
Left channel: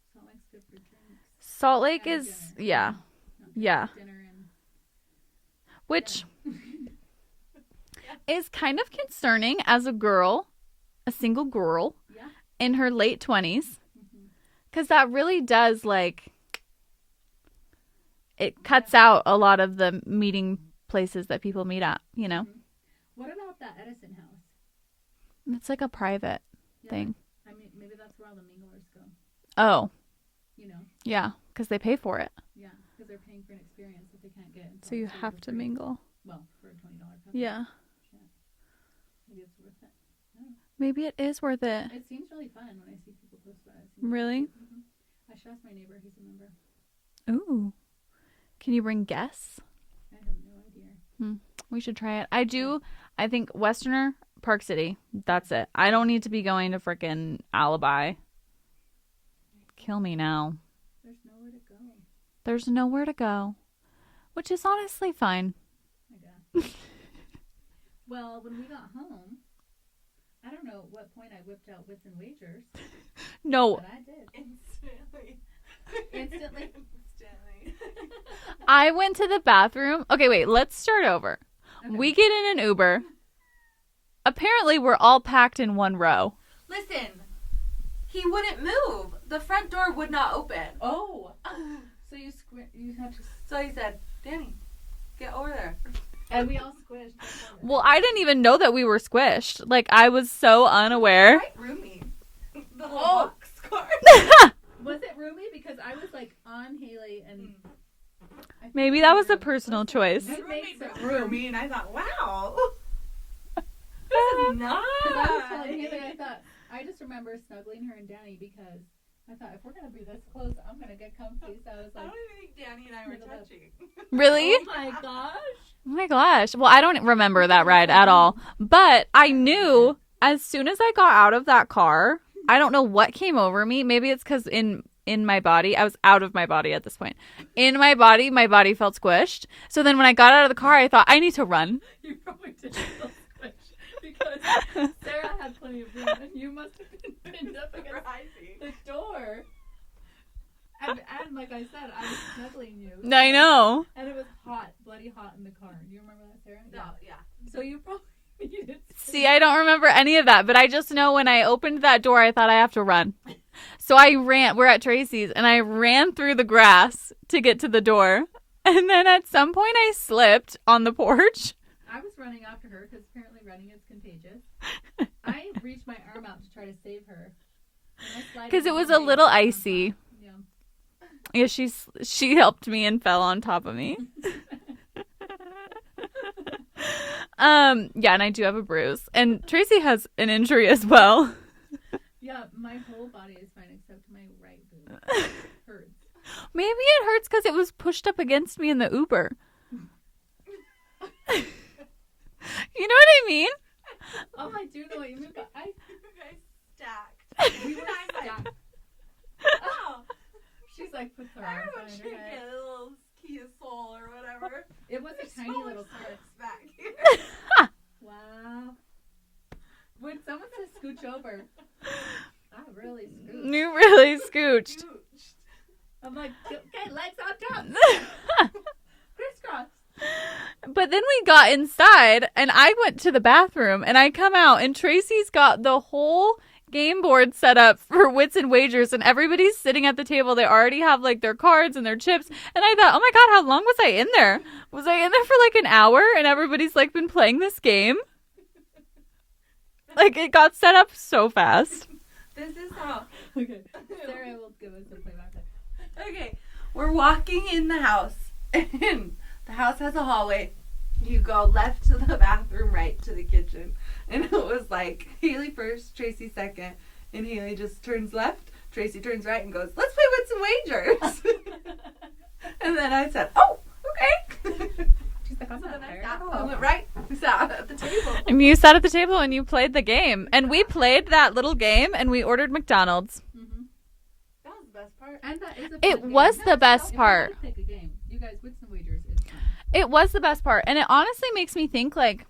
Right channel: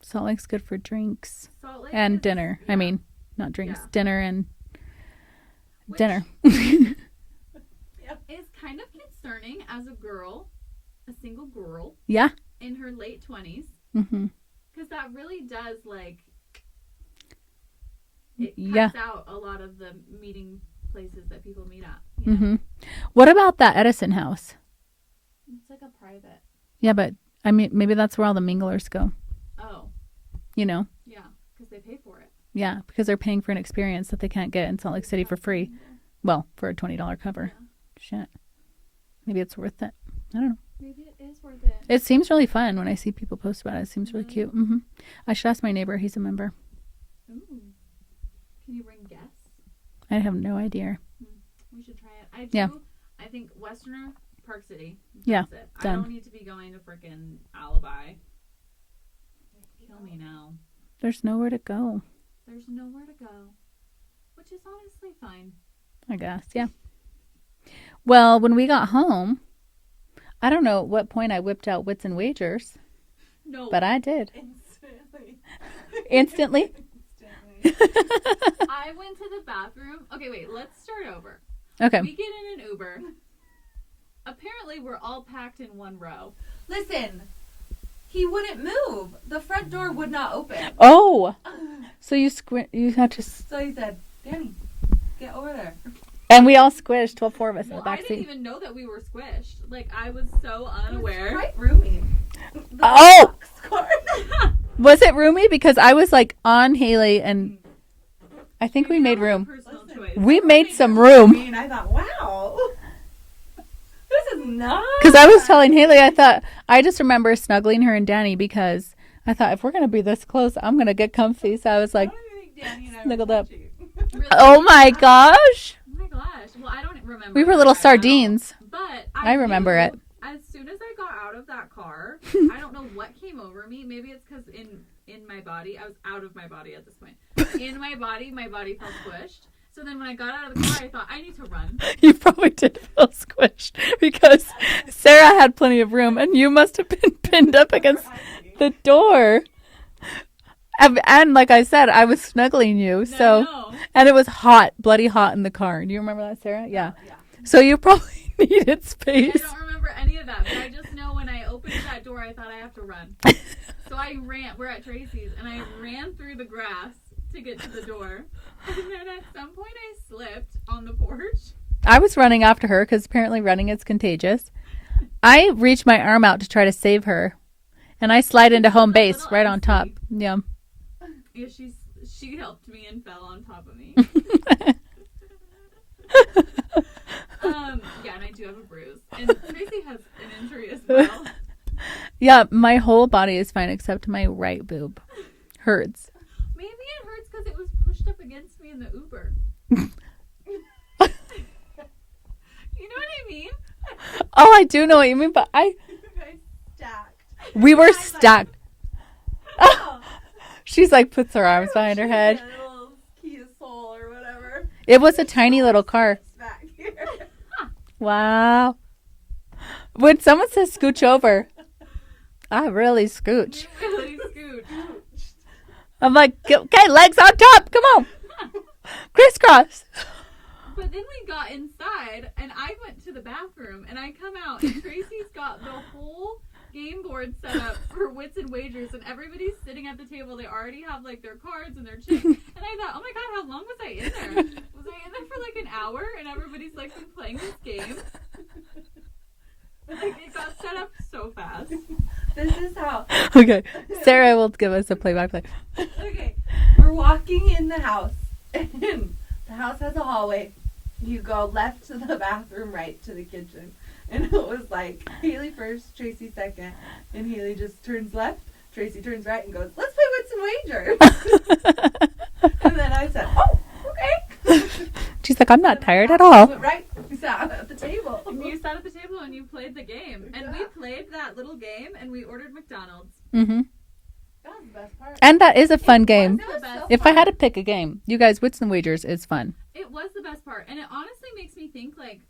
Salt Lake's good for drinks Salt Lake and is, dinner. Yeah. I mean, not drinks, Yeah. dinner and Which dinner. is kind of concerning as a girl, a single girl Yeah. in her late 20s. Mm-hmm. Because that really does, like, it Yeah. cuts out a lot of the meeting places that people meet at, you know? Mhm. What about that Edison house? It's like a private. Yeah, thing. but I mean, maybe that's where all the minglers go. Oh, You know? yeah, because they pay for it. Yeah, because they're paying for an experience that they can't get in Salt So Lake you City have for to free. mingle. Well, for a $20 cover. Yeah. Shit. Maybe it's worth it. I don't know. Maybe it is worth it. It seems really fun when I see people post about it. It seems really Really? cute. Mm-hmm. I should ask my neighbor. He's a member. Ooh. Can you bring guests? I have no idea. We should try it. I do. Yeah. I think Westerner, Park City. That's it. I done. don't need to be going to frickin' Alibi. Kill me now. There's nowhere to go, There's nowhere to go, which is honestly fine. I guess. Yeah. Well, when we got home, I don't know at what point I whipped out Wits and Wagers, No, but I did. Instantly. Instantly? I went to the bathroom. Okay, wait. Let's start over. Okay. We get in an Uber. Apparently, we're all packed in one row. Listen, he wouldn't move. The front door would not open. Oh! So you had to... So he said, Danny, get over there. And we all squished, 4 of us. Well, I didn't even know that we were squished. Like, I was so unaware. Quite roomy. The Oh! box car. Was it roomy? Because I was like on Haley and I think Maybe we that made was room. a personal choice. We made some room. And I thought, wow. This is nice. Because I was telling Haley, I just remember snuggling her and Danny because I thought if we're going to be this close, I'm going to get comfy. So I was like, I don't even think Danny and I snuggled were up. touching. Really? oh my gosh. Oh my gosh. Well, I don't remember We were that little ride at all. sardines. But I remember knew it. as soon as I got out of that car, I don't know what came over me. Maybe it's because in my body, I was out of my body at this point. In my body felt squished. So then when I got out of the car, I thought, I need to run. You probably did feel squished because Sarah had plenty of room and you must have been pinned up against the door. And like I said, I was snuggling you. So, I know. And it was hot, bloody hot in the car. Do you remember that, Sarah? Yeah. So you probably needed space. See, I don't remember any of that, but I just know when I opened that door, I thought I have to run. So I ran. We're at Tracy's, and I ran through the grass to get to the door. And then at some point, I slipped on the porch. I was running after her because apparently running is contagious. I reached my arm out to try to save her, and I slide into it was home a base little right on top. icy. Yeah. Yeah, she helped me and fell on top of me. Yeah, and I do have a bruise. And Traci has an injury as well. Yeah, my whole body is fine except my right boob. Hurts. Maybe it hurts because it was pushed up against me in the Uber. You know what I mean? Oh, I do know what you mean, but we were stacked. She's like puts her arms behind her head. A little Kia Soul or whatever. It was a tiny little car. Back here. Wow. When someone says scooch over, I really scooch. You really scooched. I'm like, okay, legs on top. Come on. Crisscross. But then we got inside, and I went to the bathroom, and I come out, and Traci's got the whole game board set up for Wits and Wagers, and everybody's sitting at the table. They already have, like, their cards and their chips. And I thought, oh, my God, how long was I in there? Was I in there for, like, an hour, and everybody's, like, been playing this game? Like, it got set up so fast. This is how. Okay. Sarah will give us a play-by-play. Okay. We're walking in the house, and the house has a hallway. You go left to the bathroom, right to the kitchen. And it was like Haley first, Traci second, and Haley just turns left, Traci turns right and goes, let's play Wits and Wagers. And then I said, oh, okay. She's like, I'm not tired at all. But right, we sat at the table. And you sat at the table and you played the game. And we played that little game and we ordered McDonald's. Mm-hmm. That was the best part. And that is a fun game. It was the best If part. I had to pick a game, you guys, Wits and Wagers is fun. It was the best part. And it honestly makes me think, like,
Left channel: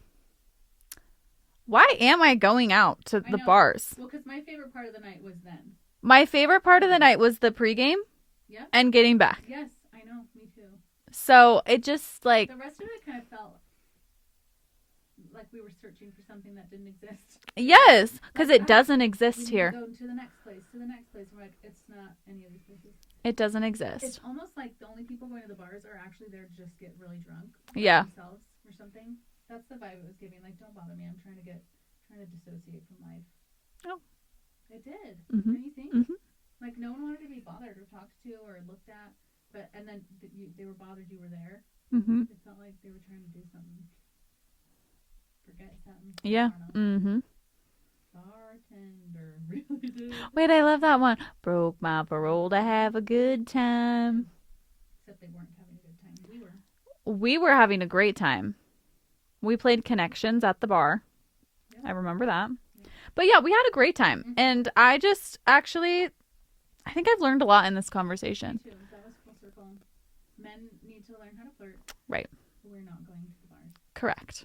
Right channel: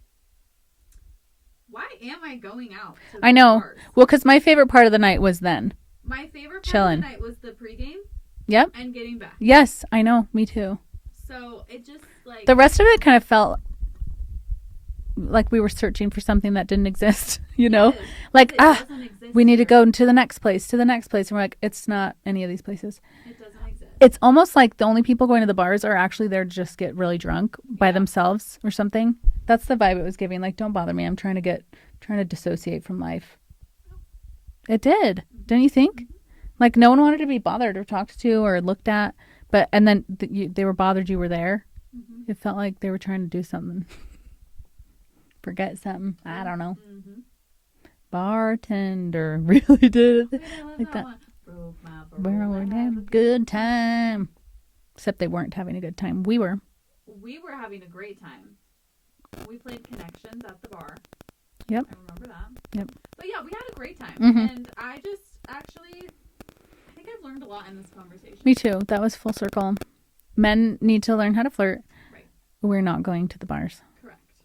why am I going out to the I know. bars? Well, because my favorite part of the night was then. My favorite part of the Chilling. night was the pregame Yep. and getting back. Yes, I know. Me too. So it just, like... The rest of it kind of felt like we were searching for something that didn't exist. You know? Yes. Like, Like, it doesn't exist We need here. to go to the next place, And we're like, it's not any of these places. It doesn't exist. It's almost like the only people going to the bars are actually there to just get really drunk by Yeah. themselves or something. That's the vibe it was giving. Like, don't bother me. I'm trying to dissociate from life. Oh. It did. Mhm. Don't you think? Mhm. Like, no one wanted to be bothered or talked to or looked at. And then they were bothered you were there. Mm-hmm. It felt like they were trying to do something. Forget something. Yeah. I don't know. Mm-hmm. Bartender really did. Wait, I love Like that that. one. Broke my parole to have a good time. Except they weren't having a good time. We were. We were having a great time. We played Connections at the bar. Yep. I remember that. Yep. But yeah, we had a great time. Mhm. And I just actually, I think I've learned a lot in this conversation. Me too. That was full circle. Men need to learn how to flirt. Right. We're not going to the bars. Correct.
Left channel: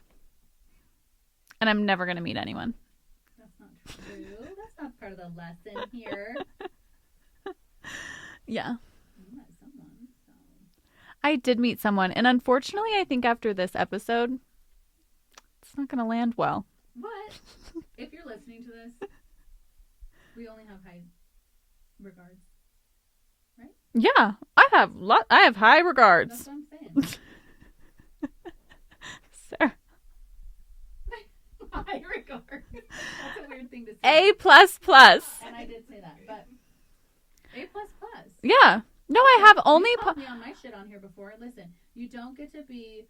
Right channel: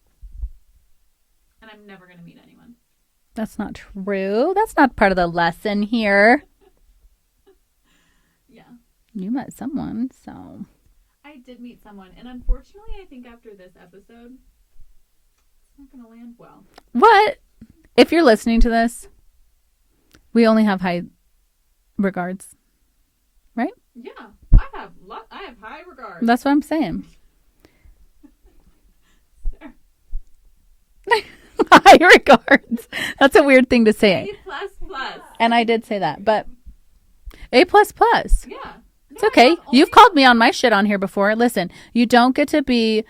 And I'm never going to meet anyone. That's not true. That's not part of the lesson here. Yeah. You met someone, so. I did meet someone. And unfortunately, I think after this episode, it's not going to land well. What? If you're listening to this, we only have high regards. Right? Yeah. I have high regards. That's what I'm saying. Sarah. High regards. That's a weird thing to say. A++. And I did say that, but A++. Yeah. No, It's okay. I have only You've called me on my shit on here before. Listen, you don't get to be,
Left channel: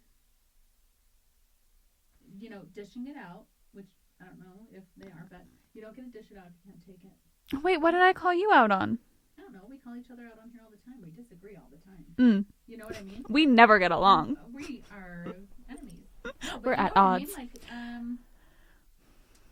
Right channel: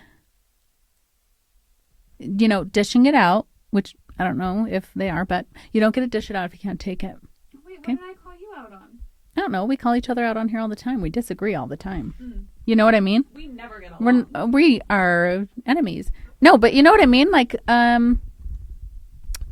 dishing it out, which I don't know if they are, but you don't get to dish it out if you can't take it. Wait, what did I call you out on? I don't know. We call each other out on here all the time. We disagree all the time. Mm. You know what I mean? We never get along. We are enemies. No, but you know what I mean? Like,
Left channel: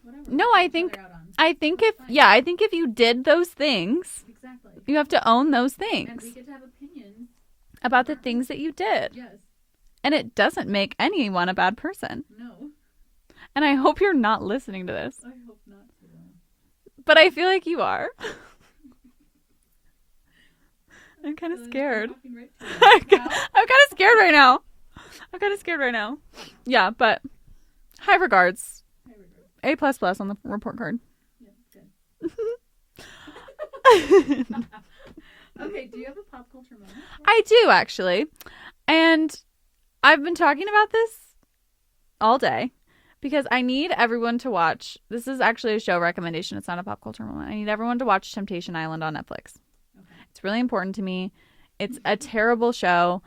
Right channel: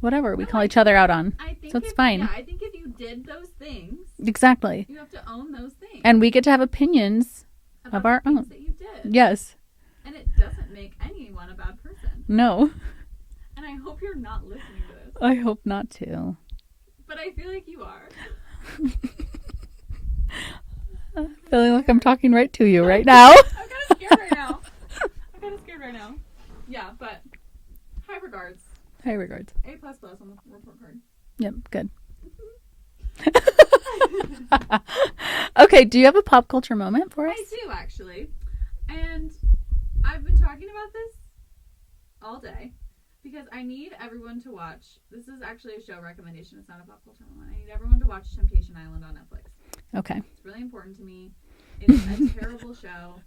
whatever. No, we call I each other think- out on. I think So it's fine. I think if you did those things, Exactly. you have to own those things. And we get to have opinions about of the our things own. that you did. Yes. And it doesn't make anyone a bad person. No. And I hope you're not listening to this. I hope not to. But I feel like you are. I'm kind of Feeling scared. like I'm talking right to you right now. I'm kind of scared right now. Yeah, but high regards. High regards. A++ on the report card. Yep, good. Okay, do you have a pop culture moment for us? I do, actually. And I've been talking about this all day because I need everyone to watch. This is actually a show recommendation. It's not a pop culture moment. I need everyone to watch Temptation Island on Netflix. Okay. It's really important to me. It's a terrible show.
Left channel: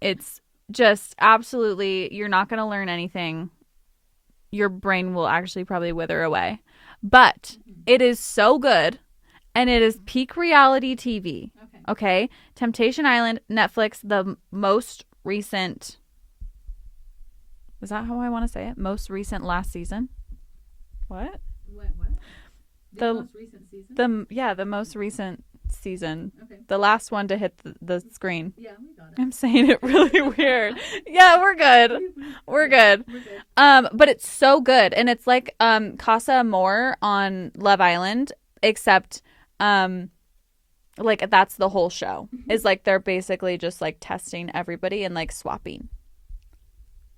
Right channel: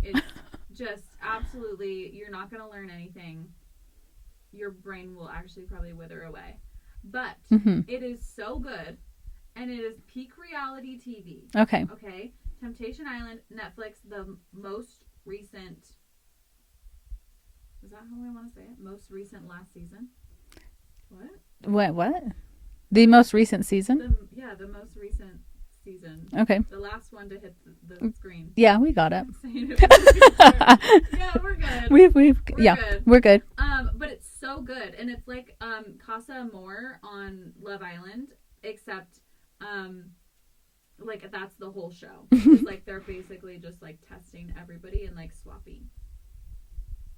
It's just absolutely, you're not going to learn anything. Your brain will actually probably wither away. But it is so good, and it is peak reality TV. Okay. Okay? Temptation Island, Netflix, the most recent... Is that how I want to say it? Most recent last season? What? What? The most recent season? The most recent season. Okay. The last one to hit the screen. Yeah, we got it. I'm saying it really weird. Yeah, we're good. We're good. We're good. But it's so good, and it's like Casa Amor on Love Island, except like that's the whole show. Is like they're basically just like testing everybody and like swapping.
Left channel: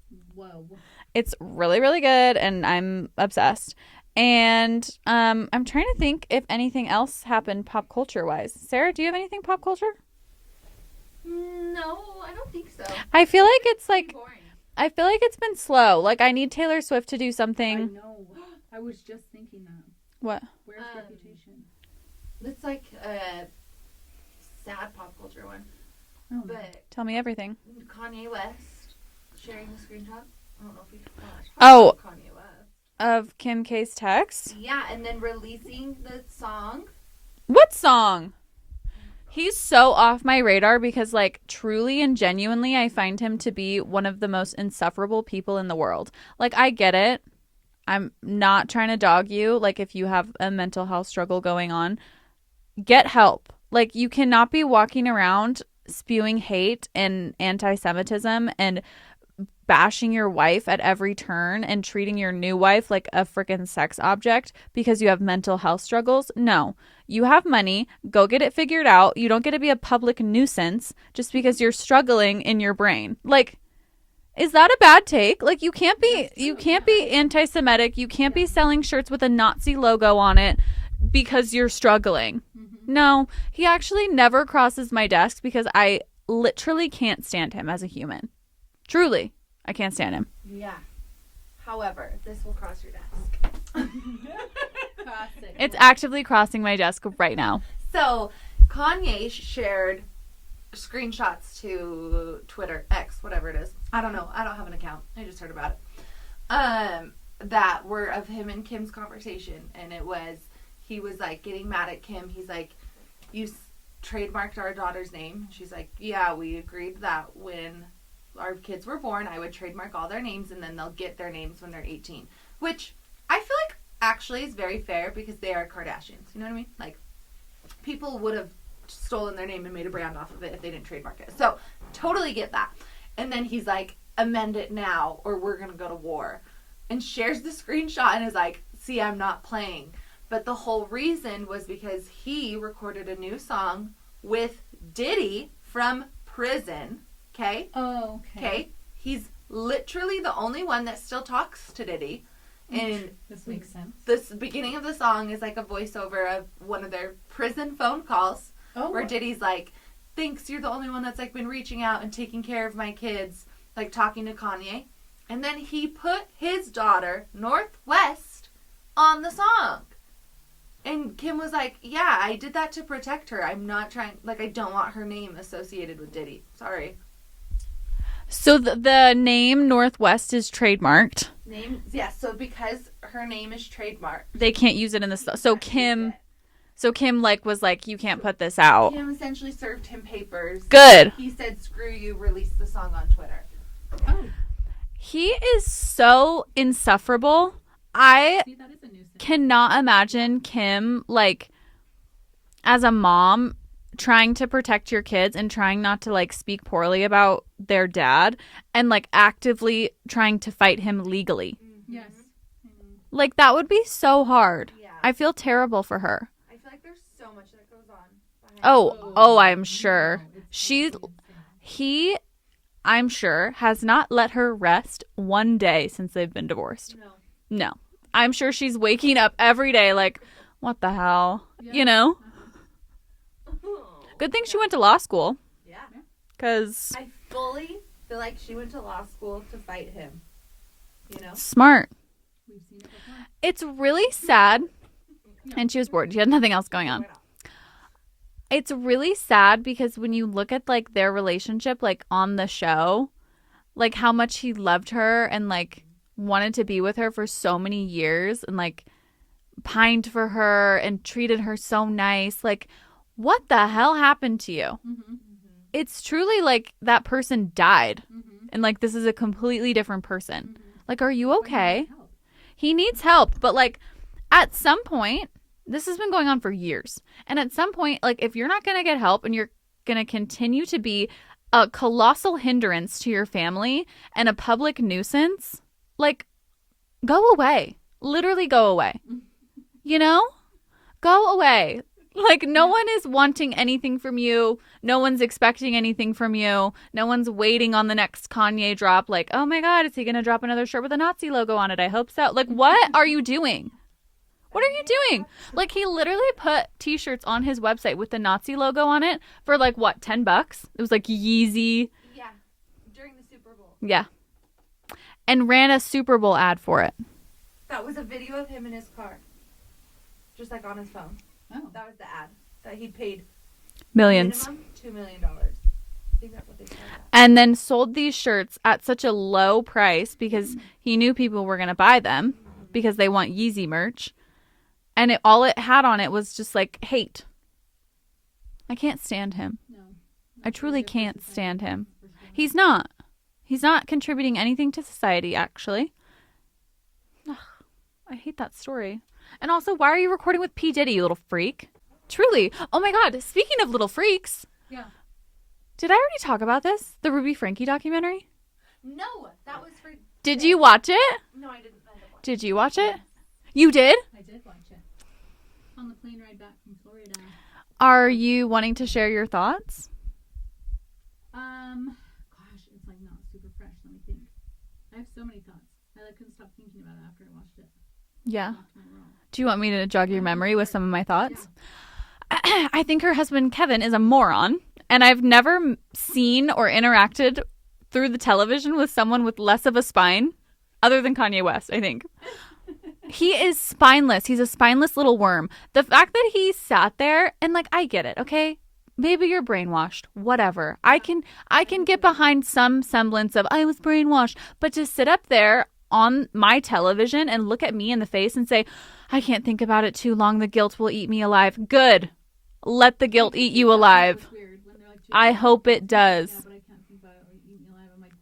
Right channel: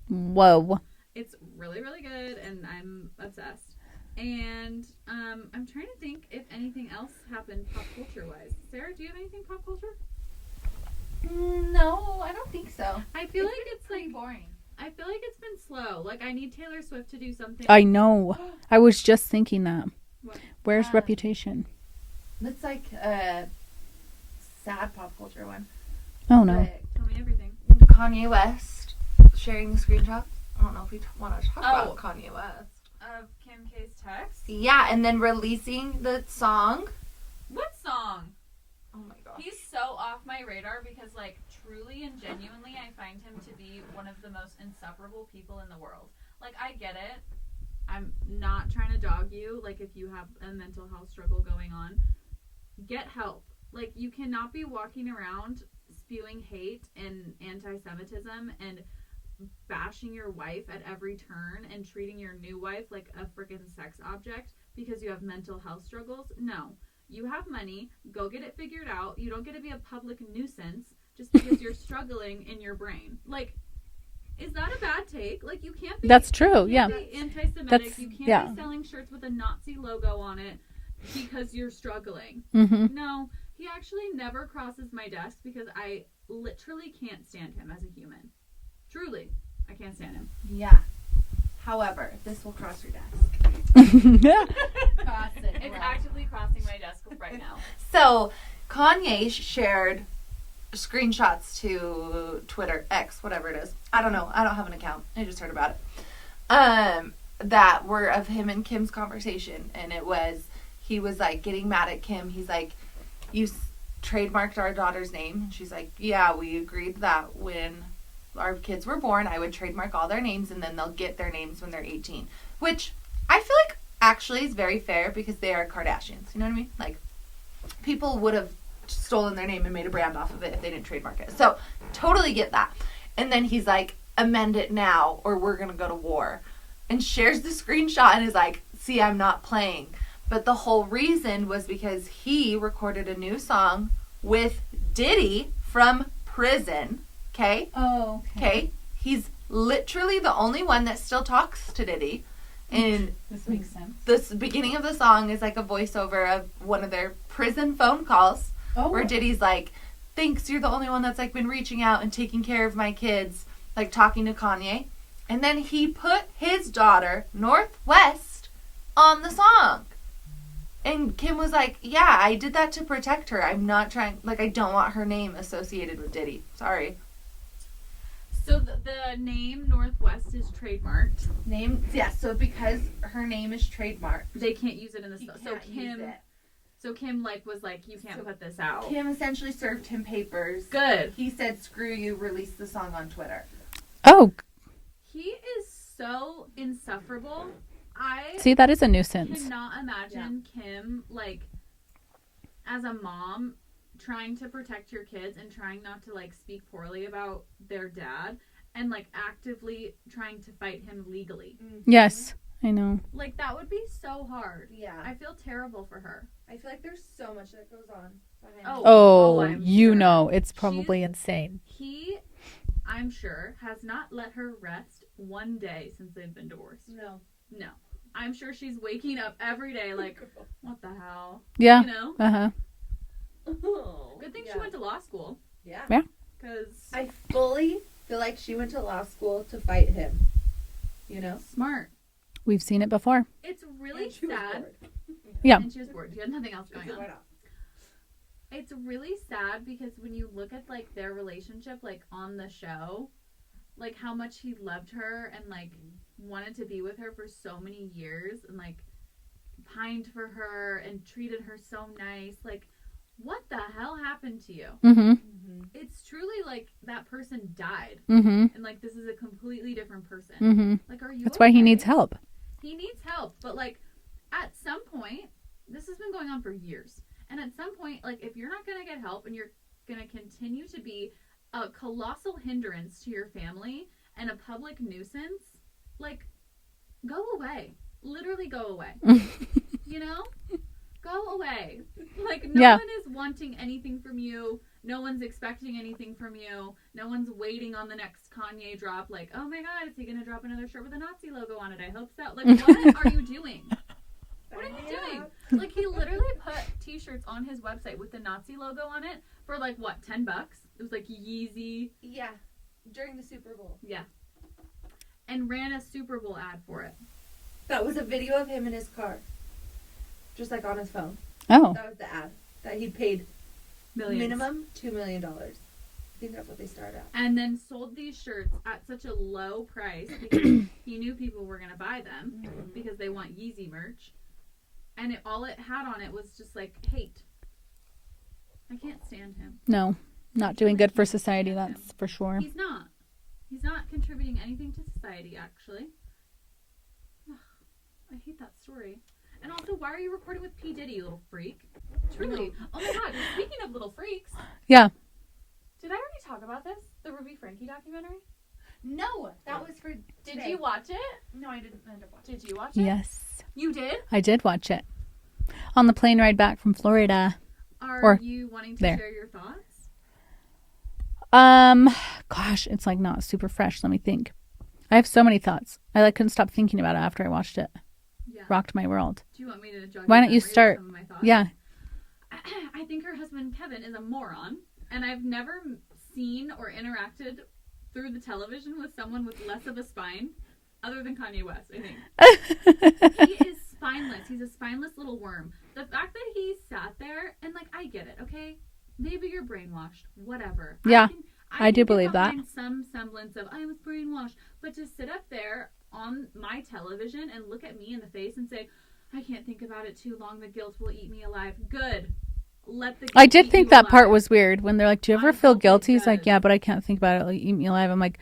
Whoa. It's really, really good, and I'm obsessed. And I'm trying to think if anything else happened pop culture wise. Sarah, do you have anything pop culture? No, I don't think so. I feel like it's like Boring. I feel like it's been slow. Like I need Taylor Swift to do something. I know. I was just thinking that. What? Where's Reputation? It's like a sad pop culture one. Oh no. But Tell me everything. Kanye West sharing the screenshots. I don't know if we want to talk about Kanye West. Of Kim K's text? Yeah, and then releasing the song. What song? Oh my god. He's so off my radar because, like, truly and genuinely, I find him to be one of the most insufferable people in the world. Like, I get it. I'm not trying to dog you. Like, if you have a mental health struggle going on, get help. Like, you cannot be walking around spewing hate and anti-Semitism and bashing your wife at every turn and treating your new wife like a freaking sex object because you have mental health struggles. No. You have money. Go get it figured out. You don't get to be a public nuisance just because you're struggling in your brain. Like, is that a bad take? Like, you can't be... That's true, You can't be anti-Semitic. You can't be selling shirts with a Nazi logo on it because you're struggling. No. He actually never crosses my desk because I literally can't stand him as a human. Truly. I can't stand him. Yeah. However, this will cross your desk. Cross it. It's actively crossing my desk right now. So, Kanye shared screenshots to Twitter, X, whatever it is. I don't know. I don't have an account. I just heard about it. That were of him and Kim's conversation. And it was, he was like getting mad at Kim. He's like, you trademarked our daughter's name. And she's like, yeah, we agreed that when our kids were born, I would trademark all their names and then they'll get their names when they're 18. Which I feel like actually is very fair because they are Kardashians. You know what I mean? Like, people would have stolen their name and made a brand off of it if they didn't trademark it. So, totally get that. And then he's like, amend it now or we're going to go to war. And shares the screenshot and is like, see, I'm not playing. But the whole reason was because he recorded a new song with Diddy from prison. Okay? Oh, okay. He's literally the only one that still talks to Diddy. And this makes sense. this beginning of the song is like a voiceover of one of their prison phone calls where Diddy's like, thanks, you're the only one that's like been reaching out and taking care of my kids, like talking to Kanye. And then he put his daughter, Northwest, on the song. And Kim was like, yeah, I did that to protect her. I'm not trying, like, I don't want her name associated with Diddy. Sorry. So the name Northwest is trademarked. So because her name is trademarked, they can't use it in the So Kim like was like, you can't put this out. Kim essentially served him papers. Good. He said, screw you, release the song on Twitter. Oh. He is so insufferable. I see, that is a nuisance. Cannot imagine Kim, like, as a mom, trying to protect your kids and trying not to, like, speak poorly about their dad and, like, actively trying to fight him legally. Yes, I know. Like, that would be so hard. Yeah. I feel terrible for her. I feel like there's so much that goes on. Oh, I'm sure. You know, it's probably insane. He, I'm sure, has not let her rest one day since they've been divorced. No. I'm sure she's waking up every day like, what the hell? Yeah. You know? Uh-huh. Good thing she went to law school. Yeah. Yeah. Because I fully feel like she went to law school to fight him. You know? Smart. We've seen it before. It's really sad. Yeah. And she was bored. She had nothing else going on. It's really sad because when you look at like their relationship, like on the show, like how much he loved her and like wanted to be with her for so many years and like pined for her and treated her so nice. Like, what the hell happened to you? Mm-hmm. It's truly like that person died. Mm-hmm. And like this is a completely different person. Mm-hmm. Like, are you That's okay? why he needs help. He needs help. But like at some point, this has been going on for years. And at some point, like if you're not going to get help and you're going to continue to be a colossal hindrance to your family and a public nuisance, like go away. Literally go away. You know? Go away. Like no one is wanting anything from you. No one's expecting anything from you. No one's waiting on the next Kanye drop. Like, oh my God, is he going to drop another shirt with a Nazi logo on it? I hope so. Like, what are you doing? What are you doing? Like, he literally put t-shirts on his website with the Nazi logo on it for like, what, $10? It was like Yeezy. Yeah, during the Super Bowl. Yeah. And ran a Super Bowl ad for it. That was a video of him in his car. Just like on his phone. Oh. That was the ad. That he paid Millions. minimum $2 million. I think that's what they started at. And then sold these shirts at such a low price because he knew people were going to buy them because they want Yeezy merch. And all it had on it was just like hate. I can't stand him. No. Not truly doing good for can't society, stand that's him. for sure. He's not. He's not contributing anything to society, actually. Ugh, I hate that story. And also, why are you recording with P. Diddy, you little freak? Truly. Oh my God. Speaking of little freaks. Yeah. Did I already talk about this? The Ruby Franke documentary? No, that was for... Did you watch it? No, I didn't end up watching. Did you watch it? Yes. You did? I did watch it. On the plane ride back from Florida. Are you wanting to share your thoughts? Gosh, it's like not super fresh. Let me think. I have so many thoughts. I like couldn't stop thinking about it after I watched it. Yeah. Rocked my world. Do you want me to jog Why your don't you memory start? with some of my thoughts? Yeah. I think her husband, Kevin, is a moron. And I've never seen or interacted through the television with someone with less of a spine other than Kanye West, I think. He is spineless. He's a spineless little worm. The fact that he sat there and like, I get it. Okay. Maybe you're brainwashed. Whatever. Yeah, I do can get believe behind that. some semblance of I was brainwashed. But to sit up there on my television and look at me in the face and say, I can't think about it too long. The guilt will eat me alive. Good. Let the guilt I did eat think you that alive. part was weird when they're like, do you ever I feel hope it guilty? He's like, does. yeah, but I can't think about it. Like, eat me alive. I'm like,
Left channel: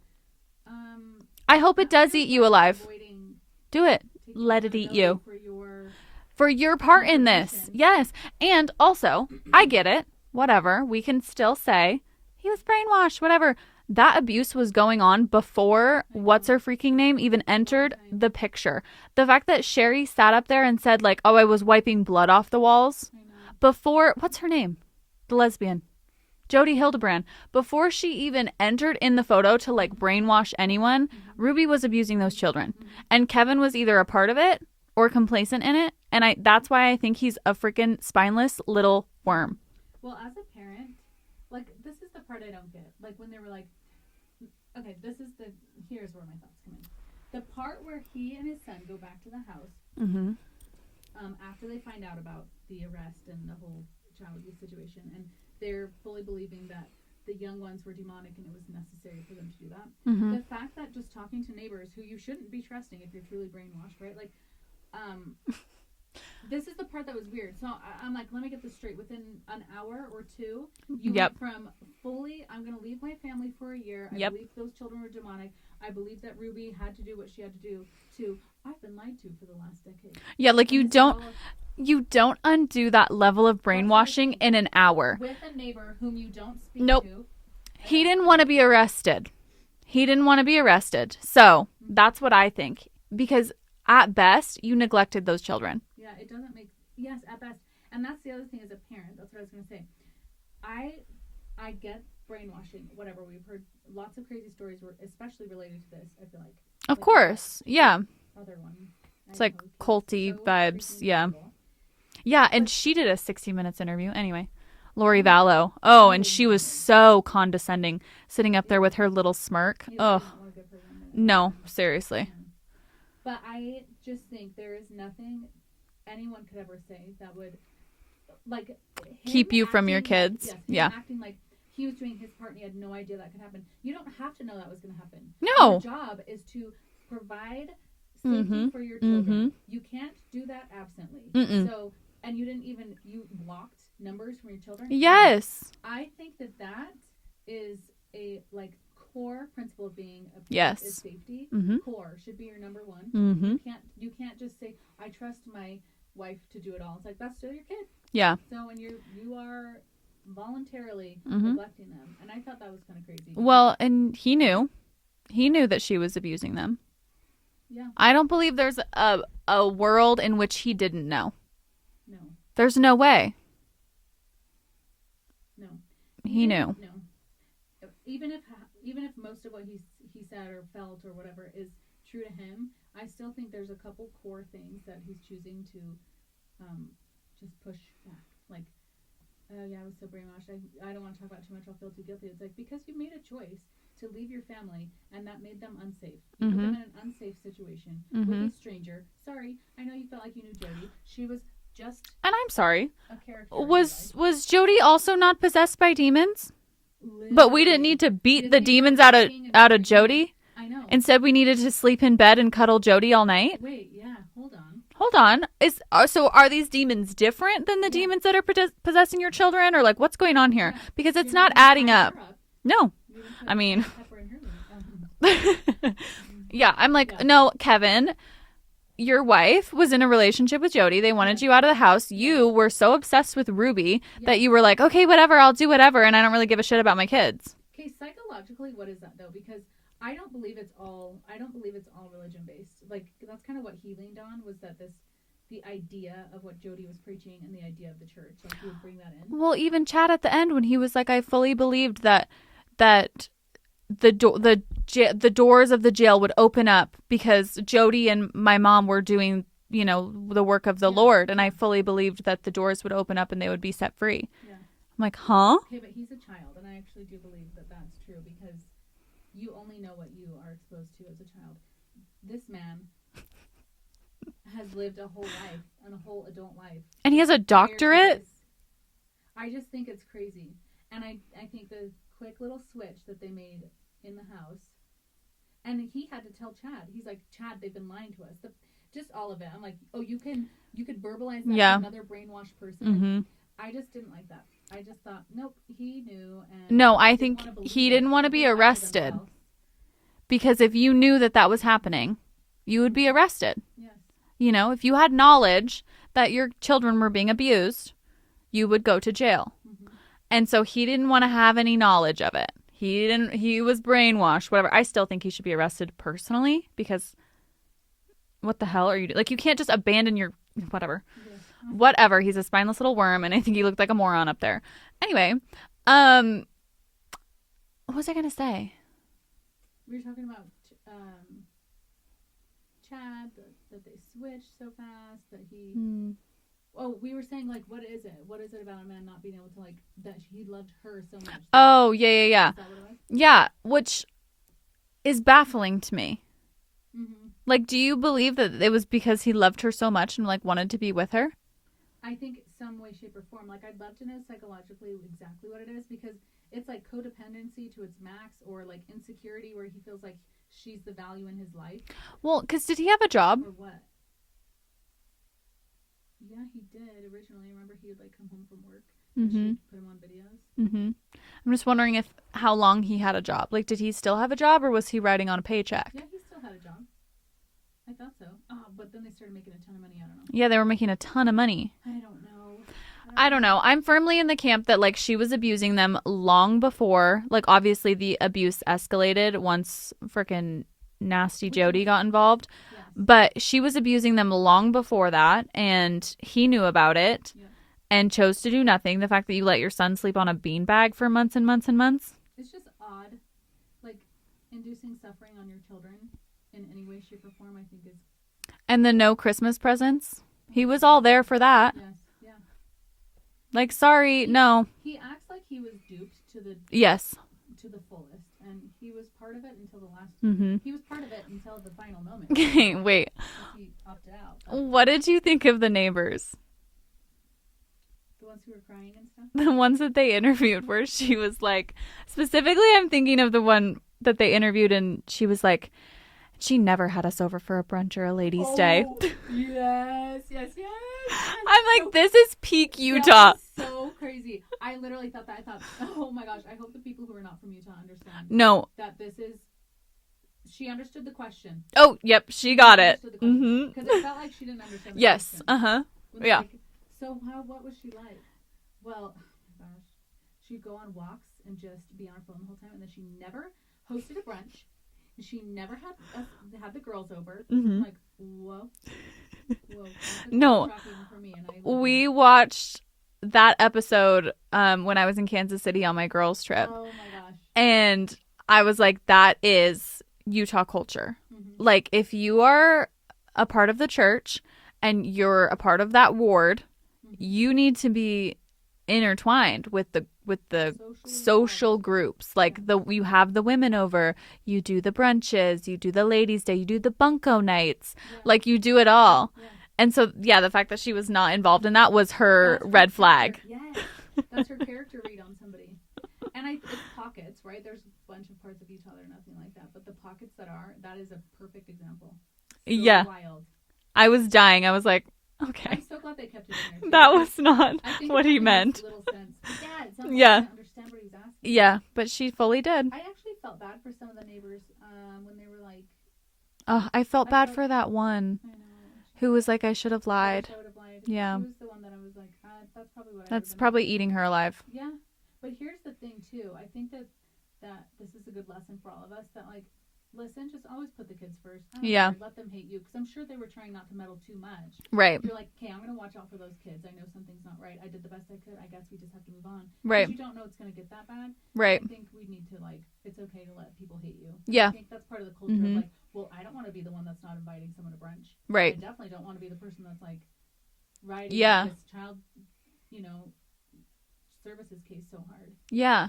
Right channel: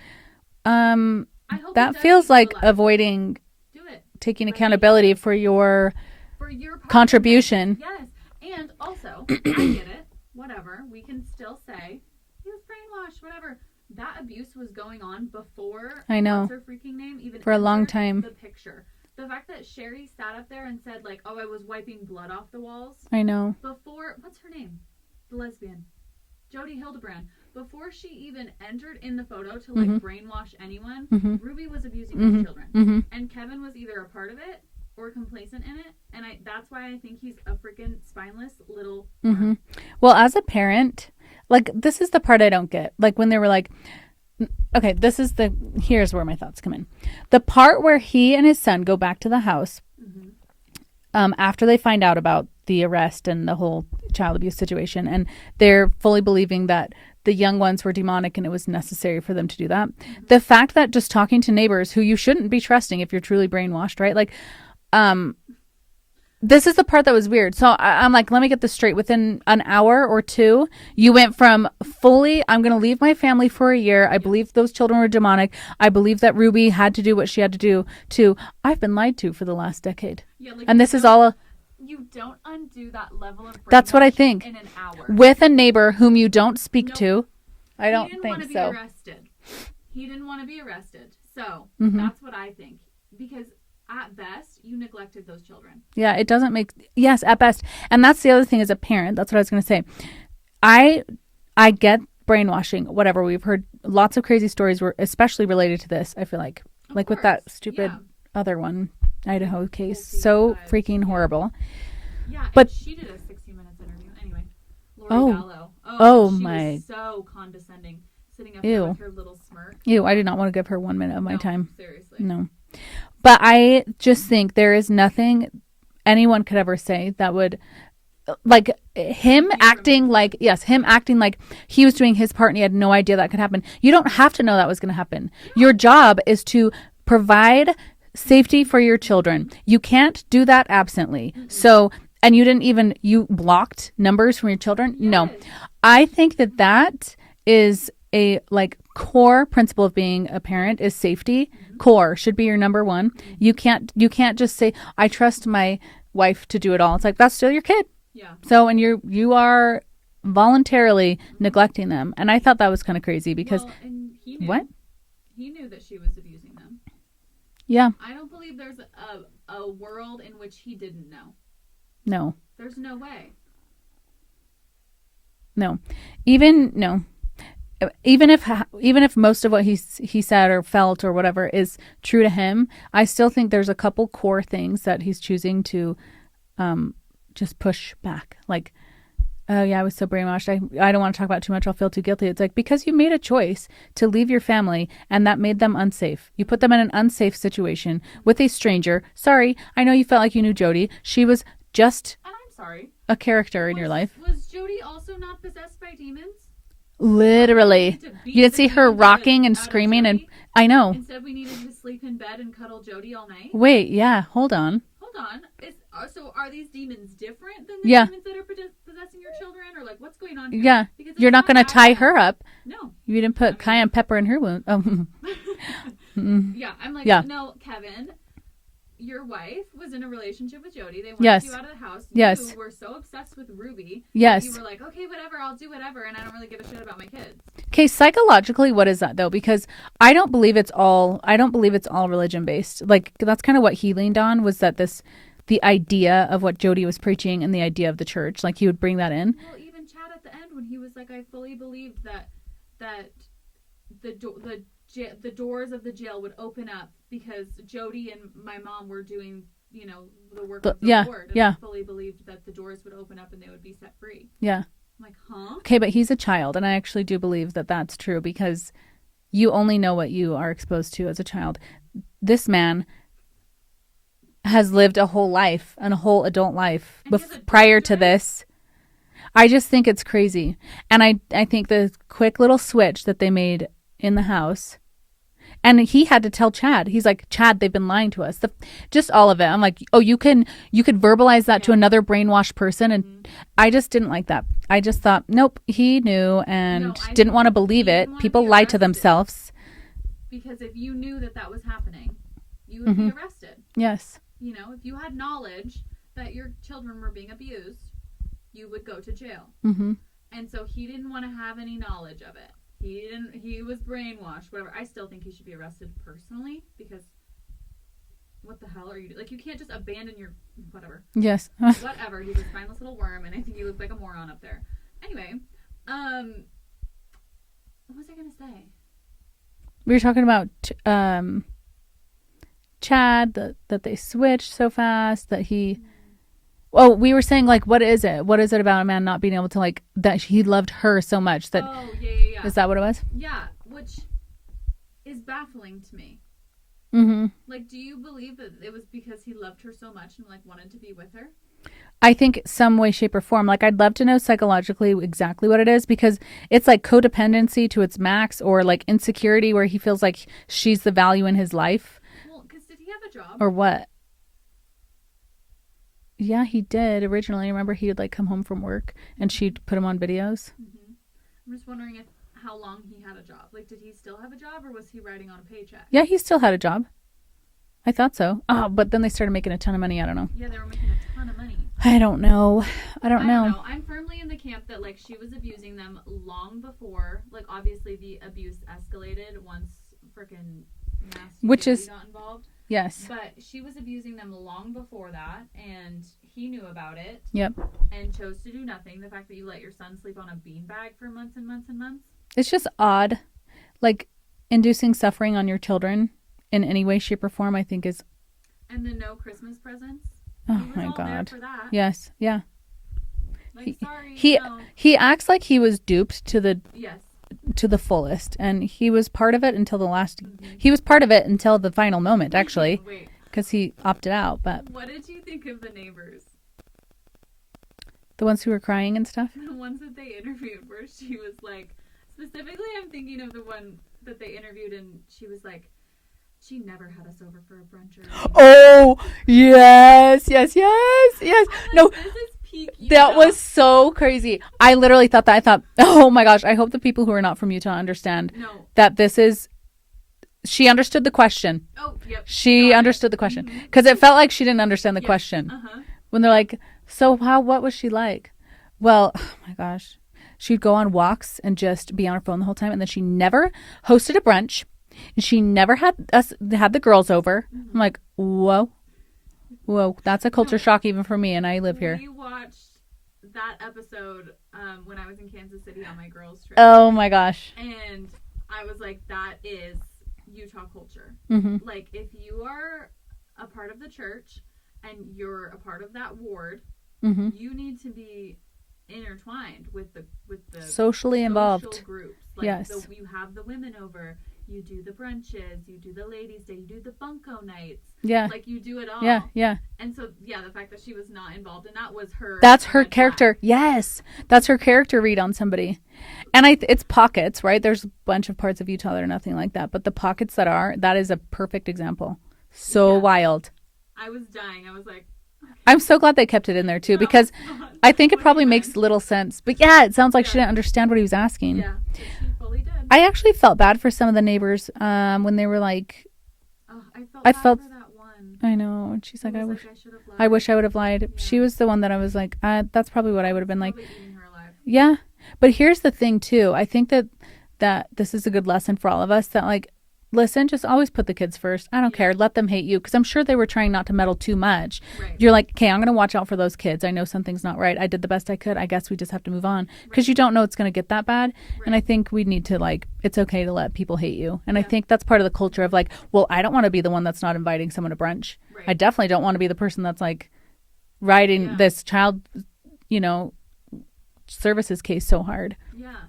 I hope that it does feels eat like you alive. avoiding Do it. taking Let it eat accountability you. for your Your part contribution. in this. Yes. And also, I get it. Whatever. We can still say he was brainwashed, whatever. That abuse was going on before I know. what's her freaking name even For a long entered time. the picture. The fact that Sherry sat up there and said like, "Oh, I was wiping blood off the walls." I know. Before, what's her name? The lesbian. Jody Hildebrand. Before she even entered in the photo to like brainwash anyone, Ruby was abusing those children. And Kevin was either a part of it or complacent in it. And that's why I think he's a freaking spineless little worm. Well, as a parent, like, this is the part I don't get. Like, when they were like, okay, here's where my thoughts come in. The part where he and his son go back to the house after they find out about the arrest and the whole child abuse situation, and they're fully believing that the young ones were demonic and it was necessary for them to do that. The fact that just talking to neighbors who you shouldn't be trusting if you're truly brainwashed, right? Like, this is the part that was weird. So I'm like, let me get this straight. Within an hour or two, you went from fully, I'm going to leave my family for a year. I believe those children were demonic. I believe that Ruby had to do what she had to do, to I've been lied to for the last decade. Yeah, like, and this is all you don't undo that level of brainwashing that's what I think. in an hour. With a neighbor whom you don't speak Nope. to. He didn't want to be arrested. He didn't want to be arrested. So that's what I think. Because at best, you neglected those children. Yeah, it doesn't make... Yes, at best. And that's the other thing as a parent. That's what I was going to say. I get brainwashing, whatever. We've heard lots of crazy stories, especially related to this, I feel like. Of like course. with that stupid Yeah. other one, It's Idaho like case. culty So vibes. freaking Yeah. horrible. Yeah, and But- she did a 60 Minutes interview. Anyway, Lori Oh. Vallow. Oh, and she my- was so condescending, sitting up there Ew. with her little smirk. Ew, I Ugh. did not want to give her 1 minute of my No, time. seriously. No. But I just think there is nothing anyone could ever say that would like him Keep you from acting your like kids. acting like he was doing his part and he had no idea that could happen. You don't have to know that was going to happen. No. Your job is to provide safety for your children. You can't do that absently. So, and you blocked numbers from your children. Yes. No. I think that is a like core principle of being a parent is safety. Core should be your number one. You can't just say, I trust my wife to do it all. It's like, that's still your kid. Yeah. So, and you are voluntarily neglecting them. And I thought that was kind of crazy because. Well, and he knew. What? He knew that she was abusing them. Yeah. I don't believe there's a world in which he didn't know. No. There's no way. No. No. Even if most of what he said or felt or whatever is true to him, I still think there's a couple core things that he's choosing to just push back. Like, oh yeah, I was so brainwashed. I don't want to talk about it too much. I'll feel too guilty. It's like, because you made a choice to leave your family and that made them unsafe. You put them in an unsafe situation with a stranger. Sorry, I know you felt like you knew Jody. She was just And I'm sorry. a character in your life. Was Jody also not possessed by demons? Literally. But we didn't need to beat you the see demons her rocking and out of screaming. Jody. And, I know. Instead, we needed to sleep in bed and cuddle Jody all night. Wait, yeah, hold on. Hold on. So are these demons different than the demons that are possessing your children, or like what's going on here? Yeah, because you're not going to tie her up. No, you didn't put cayenne pepper in her wound. Oh. Yeah, I'm like, no, Kevin. Your wife was in a relationship with Jody. They wanted you out of the house. Yes. You were so obsessed with Ruby that you were like, okay, whatever, I'll do whatever, and I don't really give a shit about my kids. Okay, psychologically, what is that though? Because I don't believe it's all religion based. Like, that's kind of what he leaned on, was that the idea of what Jody was preaching and the idea of the church. Like, he would bring that in. Well, even Chad at the end when he was like, I fully believed that the doors of the jail would open up because Jody and my mom were doing, the work of the Lord. And I fully believed that the doors would open up and they would be set free. Yeah. I'm like, huh? Okay, but he's a child. And I actually do believe that that's true, because you only know what you are exposed to as a child. This man has lived a whole life and a whole adult life. And he has a prior doctorate? to this. I just think it's crazy. And I think the quick little switch that they made in the house, and he had to tell Chad, he's like, Chad, they've been lying to us. Just all of it. I'm like, oh, you could verbalize that to another brainwashed person. And I just didn't like that. I just thought, nope, he knew and didn't want to believe it. People lied to themselves. Because if you knew that was happening, you would be arrested. Yes. If you had knowledge that your children were being abused, you would go to jail. And so he didn't want to have any knowledge of it. He was brainwashed, whatever. I still think he should be arrested personally, because what the hell are you doing? Like, you can't just abandon your whatever. Yes. Whatever. He's a spineless little worm, and I think he looked like a moron up there. Anyway, what was I going to say? We were talking about Chad, that they switched so fast, that he... Oh, we were saying, like, what is it? What is it about a man not being able to, like, that he loved her so much? That, oh, yeah. Is that what it was? Yeah, which is baffling to me. Mm-hmm. Like, do you believe that it was because he loved her so much and, like, wanted to be with her? I think some way, shape, or form. Like, I'd love to know psychologically exactly what it is, because it's like codependency to its max, or like insecurity where he feels like she's the value in his life. Well, because did he have a job? Or what? Yeah, he did originally. Remember, he would like come home from work and she'd put him on videos. Mm-hmm. I'm just wondering how long he had a job. Like, did he still have a job, or was he writing on a paycheck? Yeah, he still had a job. I thought so. Oh, but then they started making a ton of money. I don't know. Yeah, they were making a ton of money. I don't know. I don't know. I'm firmly in the camp that, like, she was abusing them long before. Like, obviously the abuse escalated once frickin' nasty Jody got involved. Yes. But she was abusing them long before that, and he knew about it. Yep. And chose to do nothing. The fact that you let your son sleep on a beanbag for months and months and months. It's just odd. Like, inducing suffering on your children in any way, shape, or form, I think is... And the no Christmas presents. Oh, he was all there for that. Yes. Yeah. Like, no. He acts like he was duped to the... Yes. To the fullest. And he was part of it until the last... He was part of it until the final moment, actually. Wait. Because he opted out, but... What did you think of the neighbors? The ones who were crying and stuff? The ones that they interviewed where she was like, specifically I'm thinking of the one that they interviewed and she was like, she never had us over for a brunch or a ladies' day. Oh, yes. I'm like, this is peak Utah. That was so crazy. I literally thought that. I thought, oh my gosh, I hope the people who are not from Utah understand that this is, she understood the question. Oh, yep. She understood the question. Because it felt like she didn't understand the question. When they're like, so what was she like? Well, oh my gosh. She'd go on walks and just be on her phone the whole time. And then she never hosted a brunch. And she never had the girls over. I'm like, whoa, that's a culture shock even for me, and I live here. We watched that episode when I was in Kansas City on my girls' trip. Oh my gosh! And I was like, that is Utah culture. Like, if you are a part of the church and you're a part of that ward, you need to be intertwined with the social groups. Like you have the women over, you do the brunches, you do the ladies' day, you do the bunko nights. Yeah, like you do it all. Yeah. And so the fact that she was not involved in that was her. That's her red character. Flag. Yes, that's her character read on somebody. And it's pockets, right? There's a bunch of parts of Utah that are nothing like that, but the pockets that is a perfect example. So wild. I was dying. I was like, okay. I'm so glad they kept it in there too, because I think it probably makes little sense. But yeah, it sounds like she didn't understand what he was asking. Yeah, but she fully did. I actually felt bad for some of the neighbors when they were like, oh, I felt bad for that one. I know. Who was like, I should have lied. I wish I would have lied. Yeah. She was the one that I was like, that's probably what I would have been like. Probably eating her alive. Yeah. But here's the thing too. I think that this is a good lesson for all of us, that like, listen, just always put the kids first. I don't care. Let them hate you, because I'm sure they were trying not to meddle too much. Right. You're like, okay, I'm going to watch out for those kids. I know something's not right. I did the best I could. I guess we just have to move on. Because you don't know it's going to get that bad. Right. And I think we need to, like, it's okay to let people hate you. And I think that's part of the culture of like, well, I don't want to be the one that's not inviting someone to brunch. Right. I definitely don't want to be the person that's like riding this child, services case so hard. Yeah.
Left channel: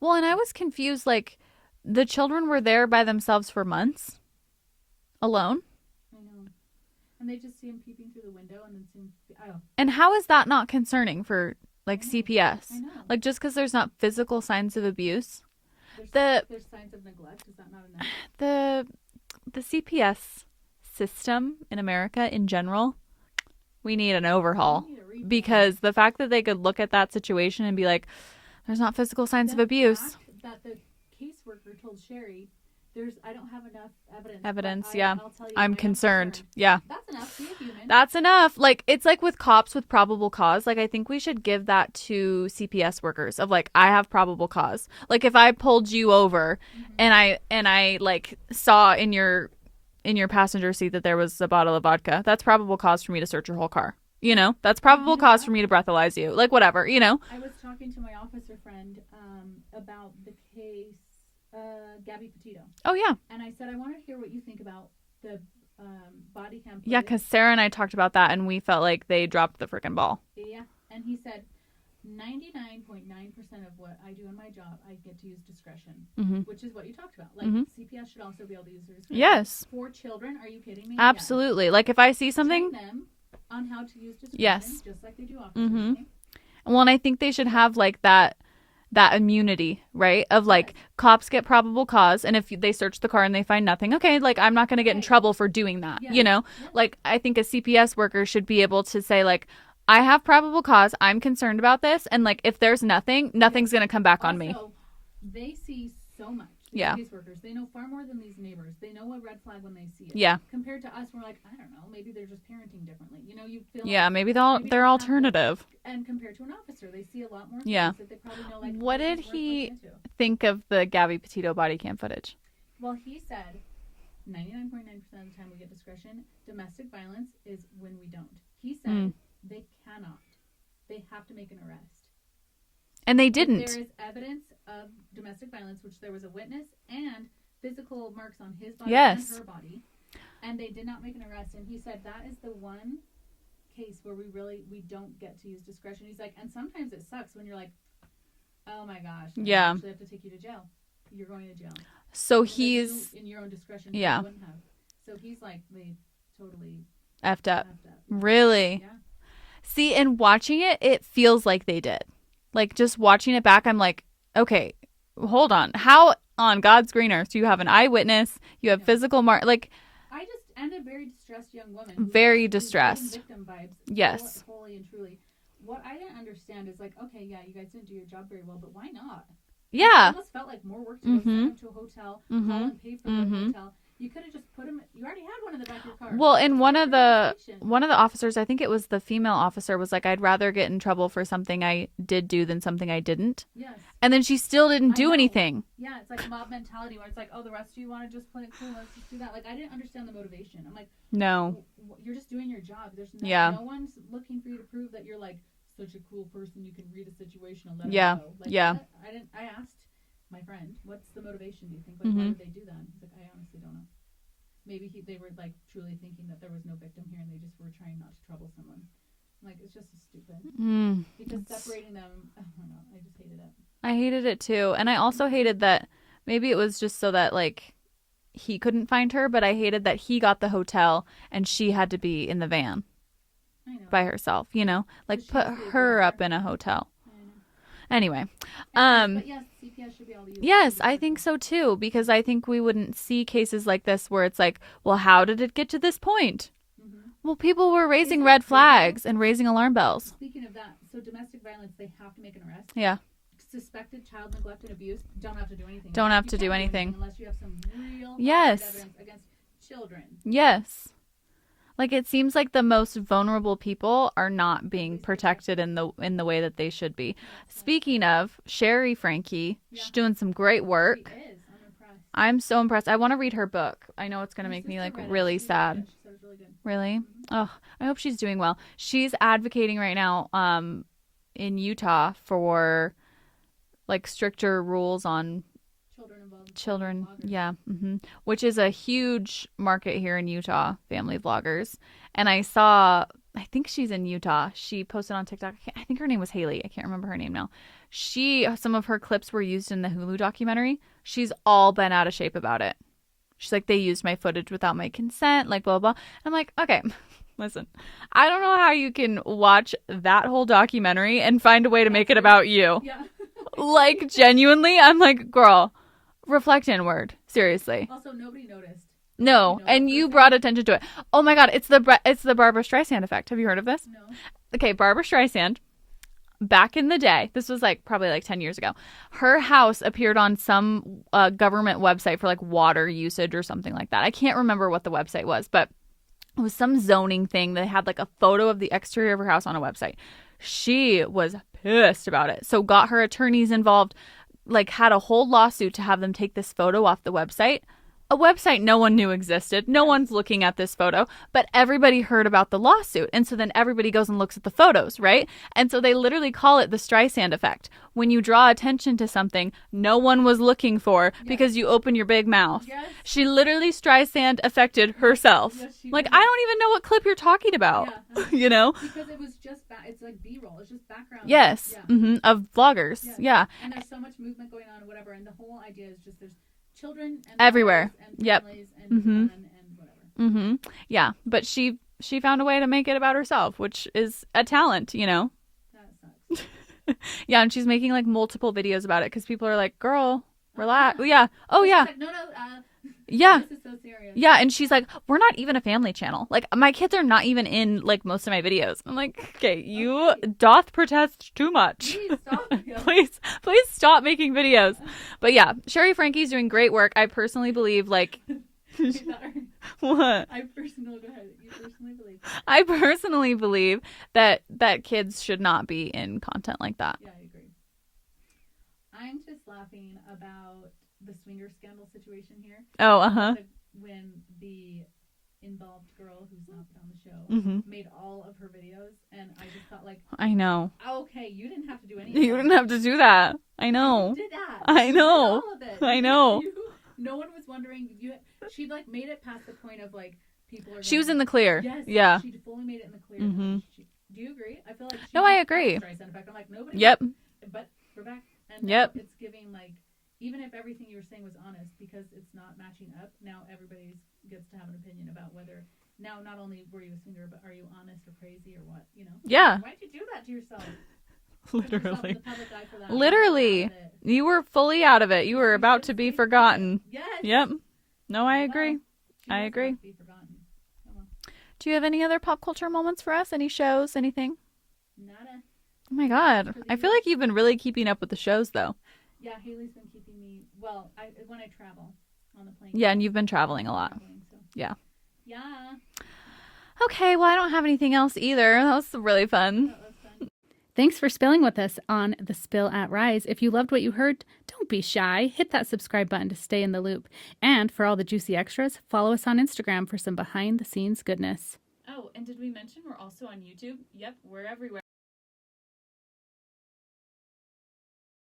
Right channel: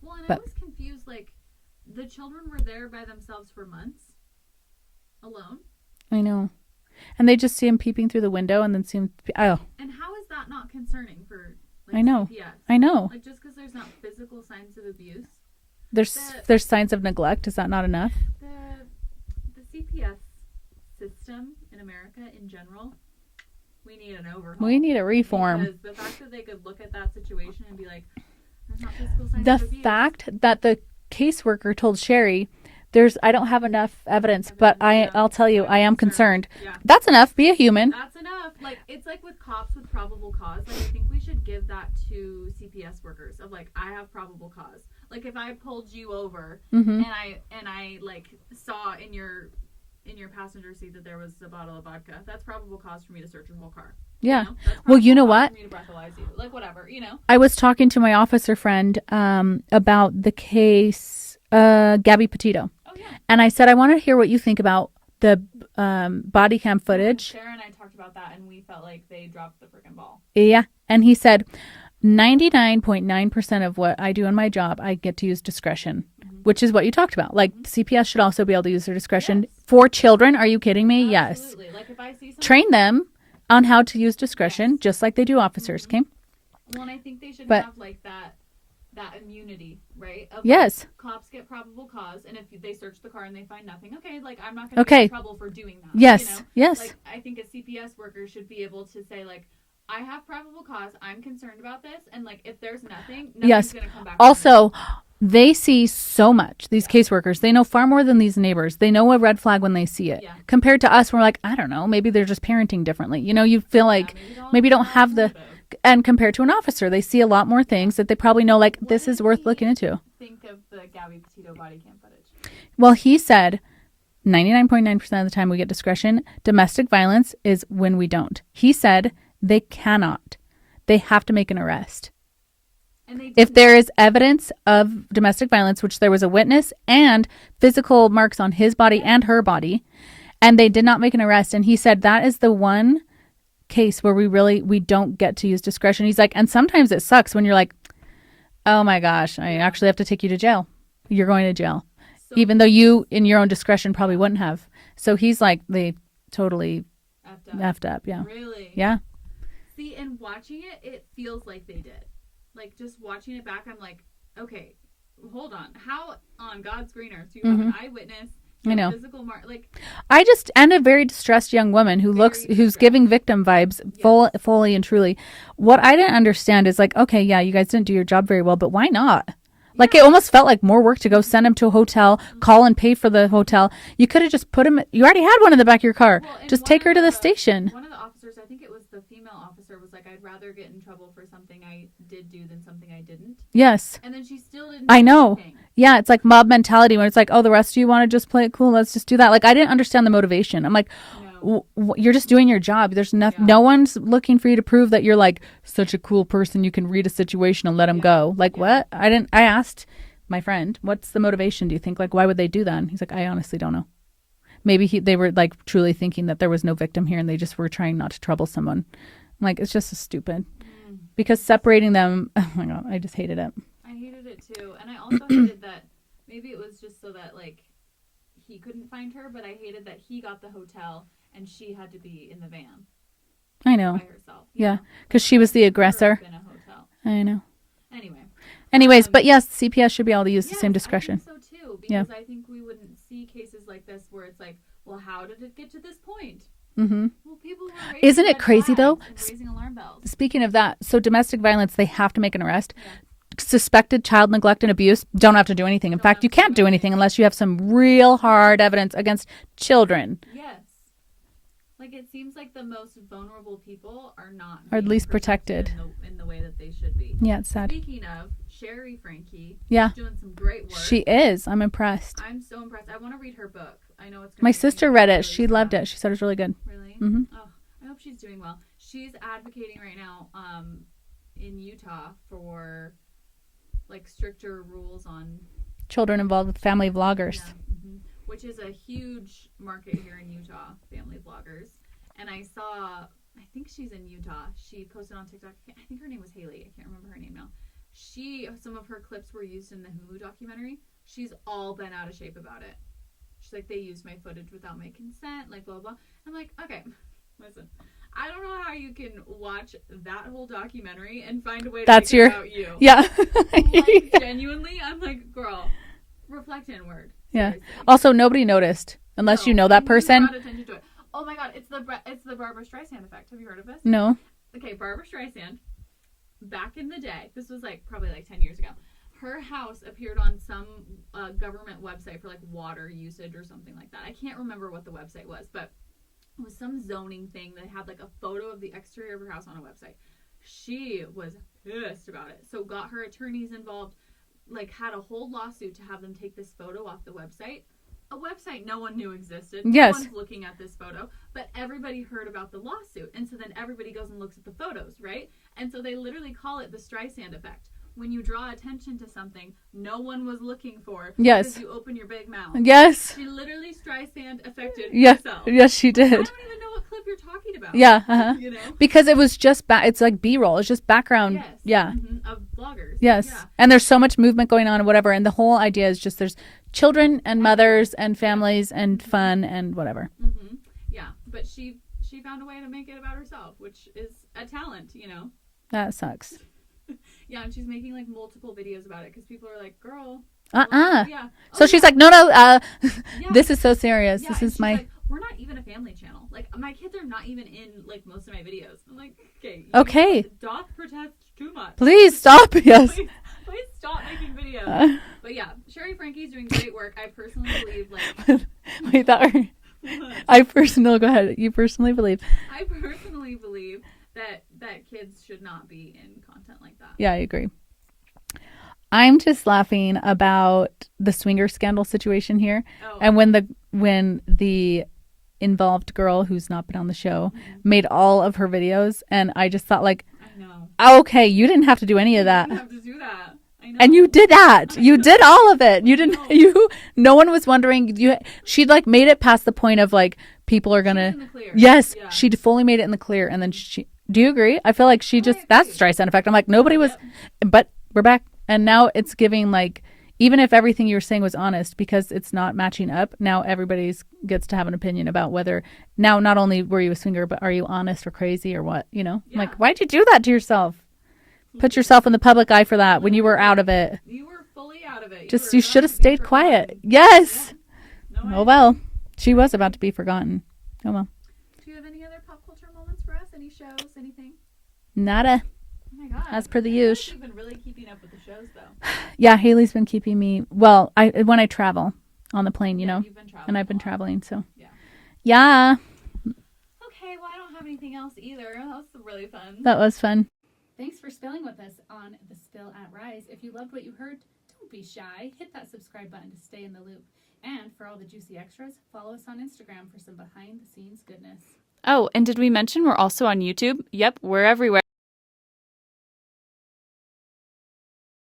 Well, and I was confused, like, the children were there by themselves for months, alone. I know. And they just see him peeping through the window and then see him. And how is that not concerning for, like, CPS? I know. Like, just because there's not physical signs of abuse. There's signs of neglect. Is that not enough? The CPS system in America in general, we need an overhaul. We need a reform. Because the fact that they could look at that situation and be like, there's not physical signs of abuse. The fact that the caseworker told Sherry, I don't have enough evidence, but I'll tell you, I am concerned. Yeah. That's enough. Be a human. That's enough. Like, it's like with cops with probable cause. Like, I think we should give that to CPS workers of like, I have probable cause. Like, if I pulled you over and I like saw in your passenger seat that there was a bottle of vodka, that's probable cause for me to search your whole car. You know, that's probable cause for me to breathalyze you. Like, whatever, I was talking to my officer friend about the case Gabby Petito. Oh, yeah. And I said, I want to hear what you think about the body cam footage. Yeah, 'cause Sarah and I talked about that, and we felt like they dropped the freaking ball. Yeah. And he said, 99.9% of what I do in my job, I get to use discretion, which is what you talked about. Like, CPS should also be able to use their discretion. Yes. For children, are you kidding me? Absolutely. Yes. Like, if I see something... Train them on how to use discretion, just like they do officers, okay? Well, and I think they should have, like, that immunity, right? Of, like, cops get probable cause, and if they search the car and they find nothing, okay, like, I'm not going to get in trouble for doing that, Yes. Like, I think a CPS worker should be able to say, like, I have probable cause, I'm concerned about this, and, like, if there's nothing's going to come back on me. Also, they see so much, these caseworkers. They know far more than these neighbors. They know a red flag when they see it. Yeah. Compared to us, we're like, I don't know, maybe they're just parenting differently. You feel like maybe don't have the... And compared to an officer, they see a lot more things that they probably know, like, this is worth looking into. Think of the Gabby Petito body cam footage. Well, he said 99.9% of the time we get discretion. Domestic violence is when we don't. He said they cannot. They have to make an arrest. And they didn't. If there is evidence of domestic violence, which there was a witness and physical marks on his body and her body, and they did not make an arrest. And he said that is the one case where we don't get to use discretion. He's like, and sometimes it sucks when you're like, oh my gosh, I actually have to take you to jail. You're going to jail. So even though you, in your own discretion, probably wouldn't have. So he's like, they totally effed up. Yeah. Really? Yeah. See, and watching it, it feels like they did. Like, just watching it back, I'm like, okay, hold on. How on God's green earth do you have an eyewitness? You have physical like, and a very distressed young woman who's giving victim vibes fully and truly. What I didn't understand is like, okay, yeah, you guys didn't do your job very well, but why not? Yeah. Like, it almost felt like more work to go send him to a hotel, call and pay for the hotel. You could have just put him, you already had one in the back of your car. Well, and just take her to the station. One of the officers, I think it was the female officer, was like, I'd rather get in trouble for something I did do than something I didn't. Yes. And then she still didn't do anything. Yeah, it's like mob mentality when it's like, oh, the rest of you want to just play it cool, let's just do that. Like, I didn't understand the motivation. I'm like, no, you're just doing your job. There's no one's looking for you to prove that you're like such a cool person. You can read a situation and let him go. Like, what? I asked my friend, what's the motivation, do you think? Like, why would they do that? And he's like, I honestly don't know. Maybe they were like truly thinking that there was no victim here and they just were trying not to trouble someone. I'm like, it's just so stupid. Because separating them, oh my God, I just hated it. I hated it too. And I also hated that maybe it was just so that like he couldn't find her, but I hated that he got the hotel and she had to be in the van. I know. By herself, you know? Because she was the aggressor. Her up in a hotel. I know. Anyways, but yes, CPS should be able to use the same discretion. I think so too, because I think we wouldn't see cases like this where it's like, well, how did it get to this point? Well, people were raising red flags and raising alarm bells. Speaking of that, so domestic violence, they have to make an arrest. Yeah. Suspected child neglect and abuse, don't have to do anything. In fact, you can't do anything unless you have some real hard evidence against children. Yes. Like, it seems like the most vulnerable people are not being at least protected in the way that they should be. Yeah, it's sad. Speaking of Ruby Franke, she's doing some great work. She is. I'm impressed. I'm so impressed. I want to read her book. I know it's going to My make sister me, read it. really she sad. loved it. She said it was really good. Really? Oh, I hope she's doing well. She's advocating right now in Utah for like stricter rules on children involved with family vloggers. Yeah. Which is a huge market here in Utah, family vloggers. And I think she's in Utah. She posted on TikTok. I think her name was Haley. I can't remember her name now. Some of her clips were used in the Hulu documentary. She's all bent out of shape about it. She's like, they used my footage without my consent, like blah, blah. I'm like, okay, listen, I don't know how you can watch that whole documentary and find a way to make it about you. Yeah. Like, genuinely, I'm like, girl, reflect inward. Seriously. Yeah. Also, nobody noticed unless you know that person. You brought attention to it. Oh my God, it's the Barbara Streisand effect. Have you heard of this? No. Okay, Barbara Streisand, back in the day, this was like probably like 10 years ago, her house appeared on some government website for like water usage or something like that. I can't remember what the website was, but it was some zoning thing that had like a photo of the exterior of her house on a website. She was pissed about it. So got her attorneys involved, like had a whole lawsuit to have them take this photo off the website. A website no one knew existed. No one's looking at this photo, but everybody heard about the lawsuit. And so then everybody goes and looks at the photos, right? And so they literally call it the Streisand effect. When you draw attention to something no one was looking for because you open your big mouth. Yes. She literally Streisand affected herself. Yes, she did. I don't even know what clip you're talking about. Yeah. You know? Because it was just, it's like B-roll. It's just background. Yes. Yeah. Of vloggers. Yes. Yeah. And there's so much movement going on and whatever. And the whole idea is just there's children and mothers and families and fun and whatever. Yeah. But she found a way to make it about herself, which is a talent, you know? That sucks. Yeah. And she's making like multiple videos about it because people are like, girl. Yeah. Oh, so she's like, no. Yeah. This is so serious. Yeah. And she's like, we're not even a family channel. Like, my kids are not even in like most of my videos. I'm like, okay, you doth protest too much. Please stop. Yes. please stop making videos. But yeah, Ruby Franke's doing great work. I personally believe like. Wait, what? Go ahead. You personally believe? I personally believe that kids should not be in content like that. Yeah, I agree. I'm just laughing about the swinger scandal situation here. Oh, and when the involved girl who's not been on the show made all of her videos, and I just thought like, I know. Okay, you didn't have to do any of that. You didn't have to do that. I know. And you did that. You did all of it. You didn't. Know. No one was wondering. She'd like made it past the point of like people are gonna. She was in the clear. Yes. Yeah. She fully made it in the clear, and then she. Do you agree? I feel like that's Streisand effect. I'm like nobody was. But we're back. And now it's giving like Even if everything you were saying was honest, because it's not matching up, now everybody gets to have an opinion about whether, now not only were you a swinger, but are you honest or crazy or what, you know? Yeah. Like, why'd you do that to yourself? Put yourself in the public eye for that when you were out of it. You were fully out of it. You were you about should have to be stayed forgotten. quiet. Yes. Yep. No, I oh, agree. well, she I was agree. about to be forgotten. Oh, well. Do you have any other pop culture moments for us? Any shows? Anything? Nada. Oh my God. As per the I feel like usual. you've been really keeping up with the shows, though. Yeah, Haley's been keeping me, well, when I travel on the plane, Yeah, you know? and you've been traveling And I've a been lot. traveling, so. Yeah. Yeah. Okay, well, I don't have anything else either. That was really fun. That was fun. Thanks for spilling with us on The Spill at Rise. If you loved what you heard, don't be shy. Hit that subscribe button to stay in the loop. And for all the juicy extras, follow us on Instagram for some behind-the-scenes goodness. Oh, and did we mention we're also on YouTube? Yep, we're everywhere.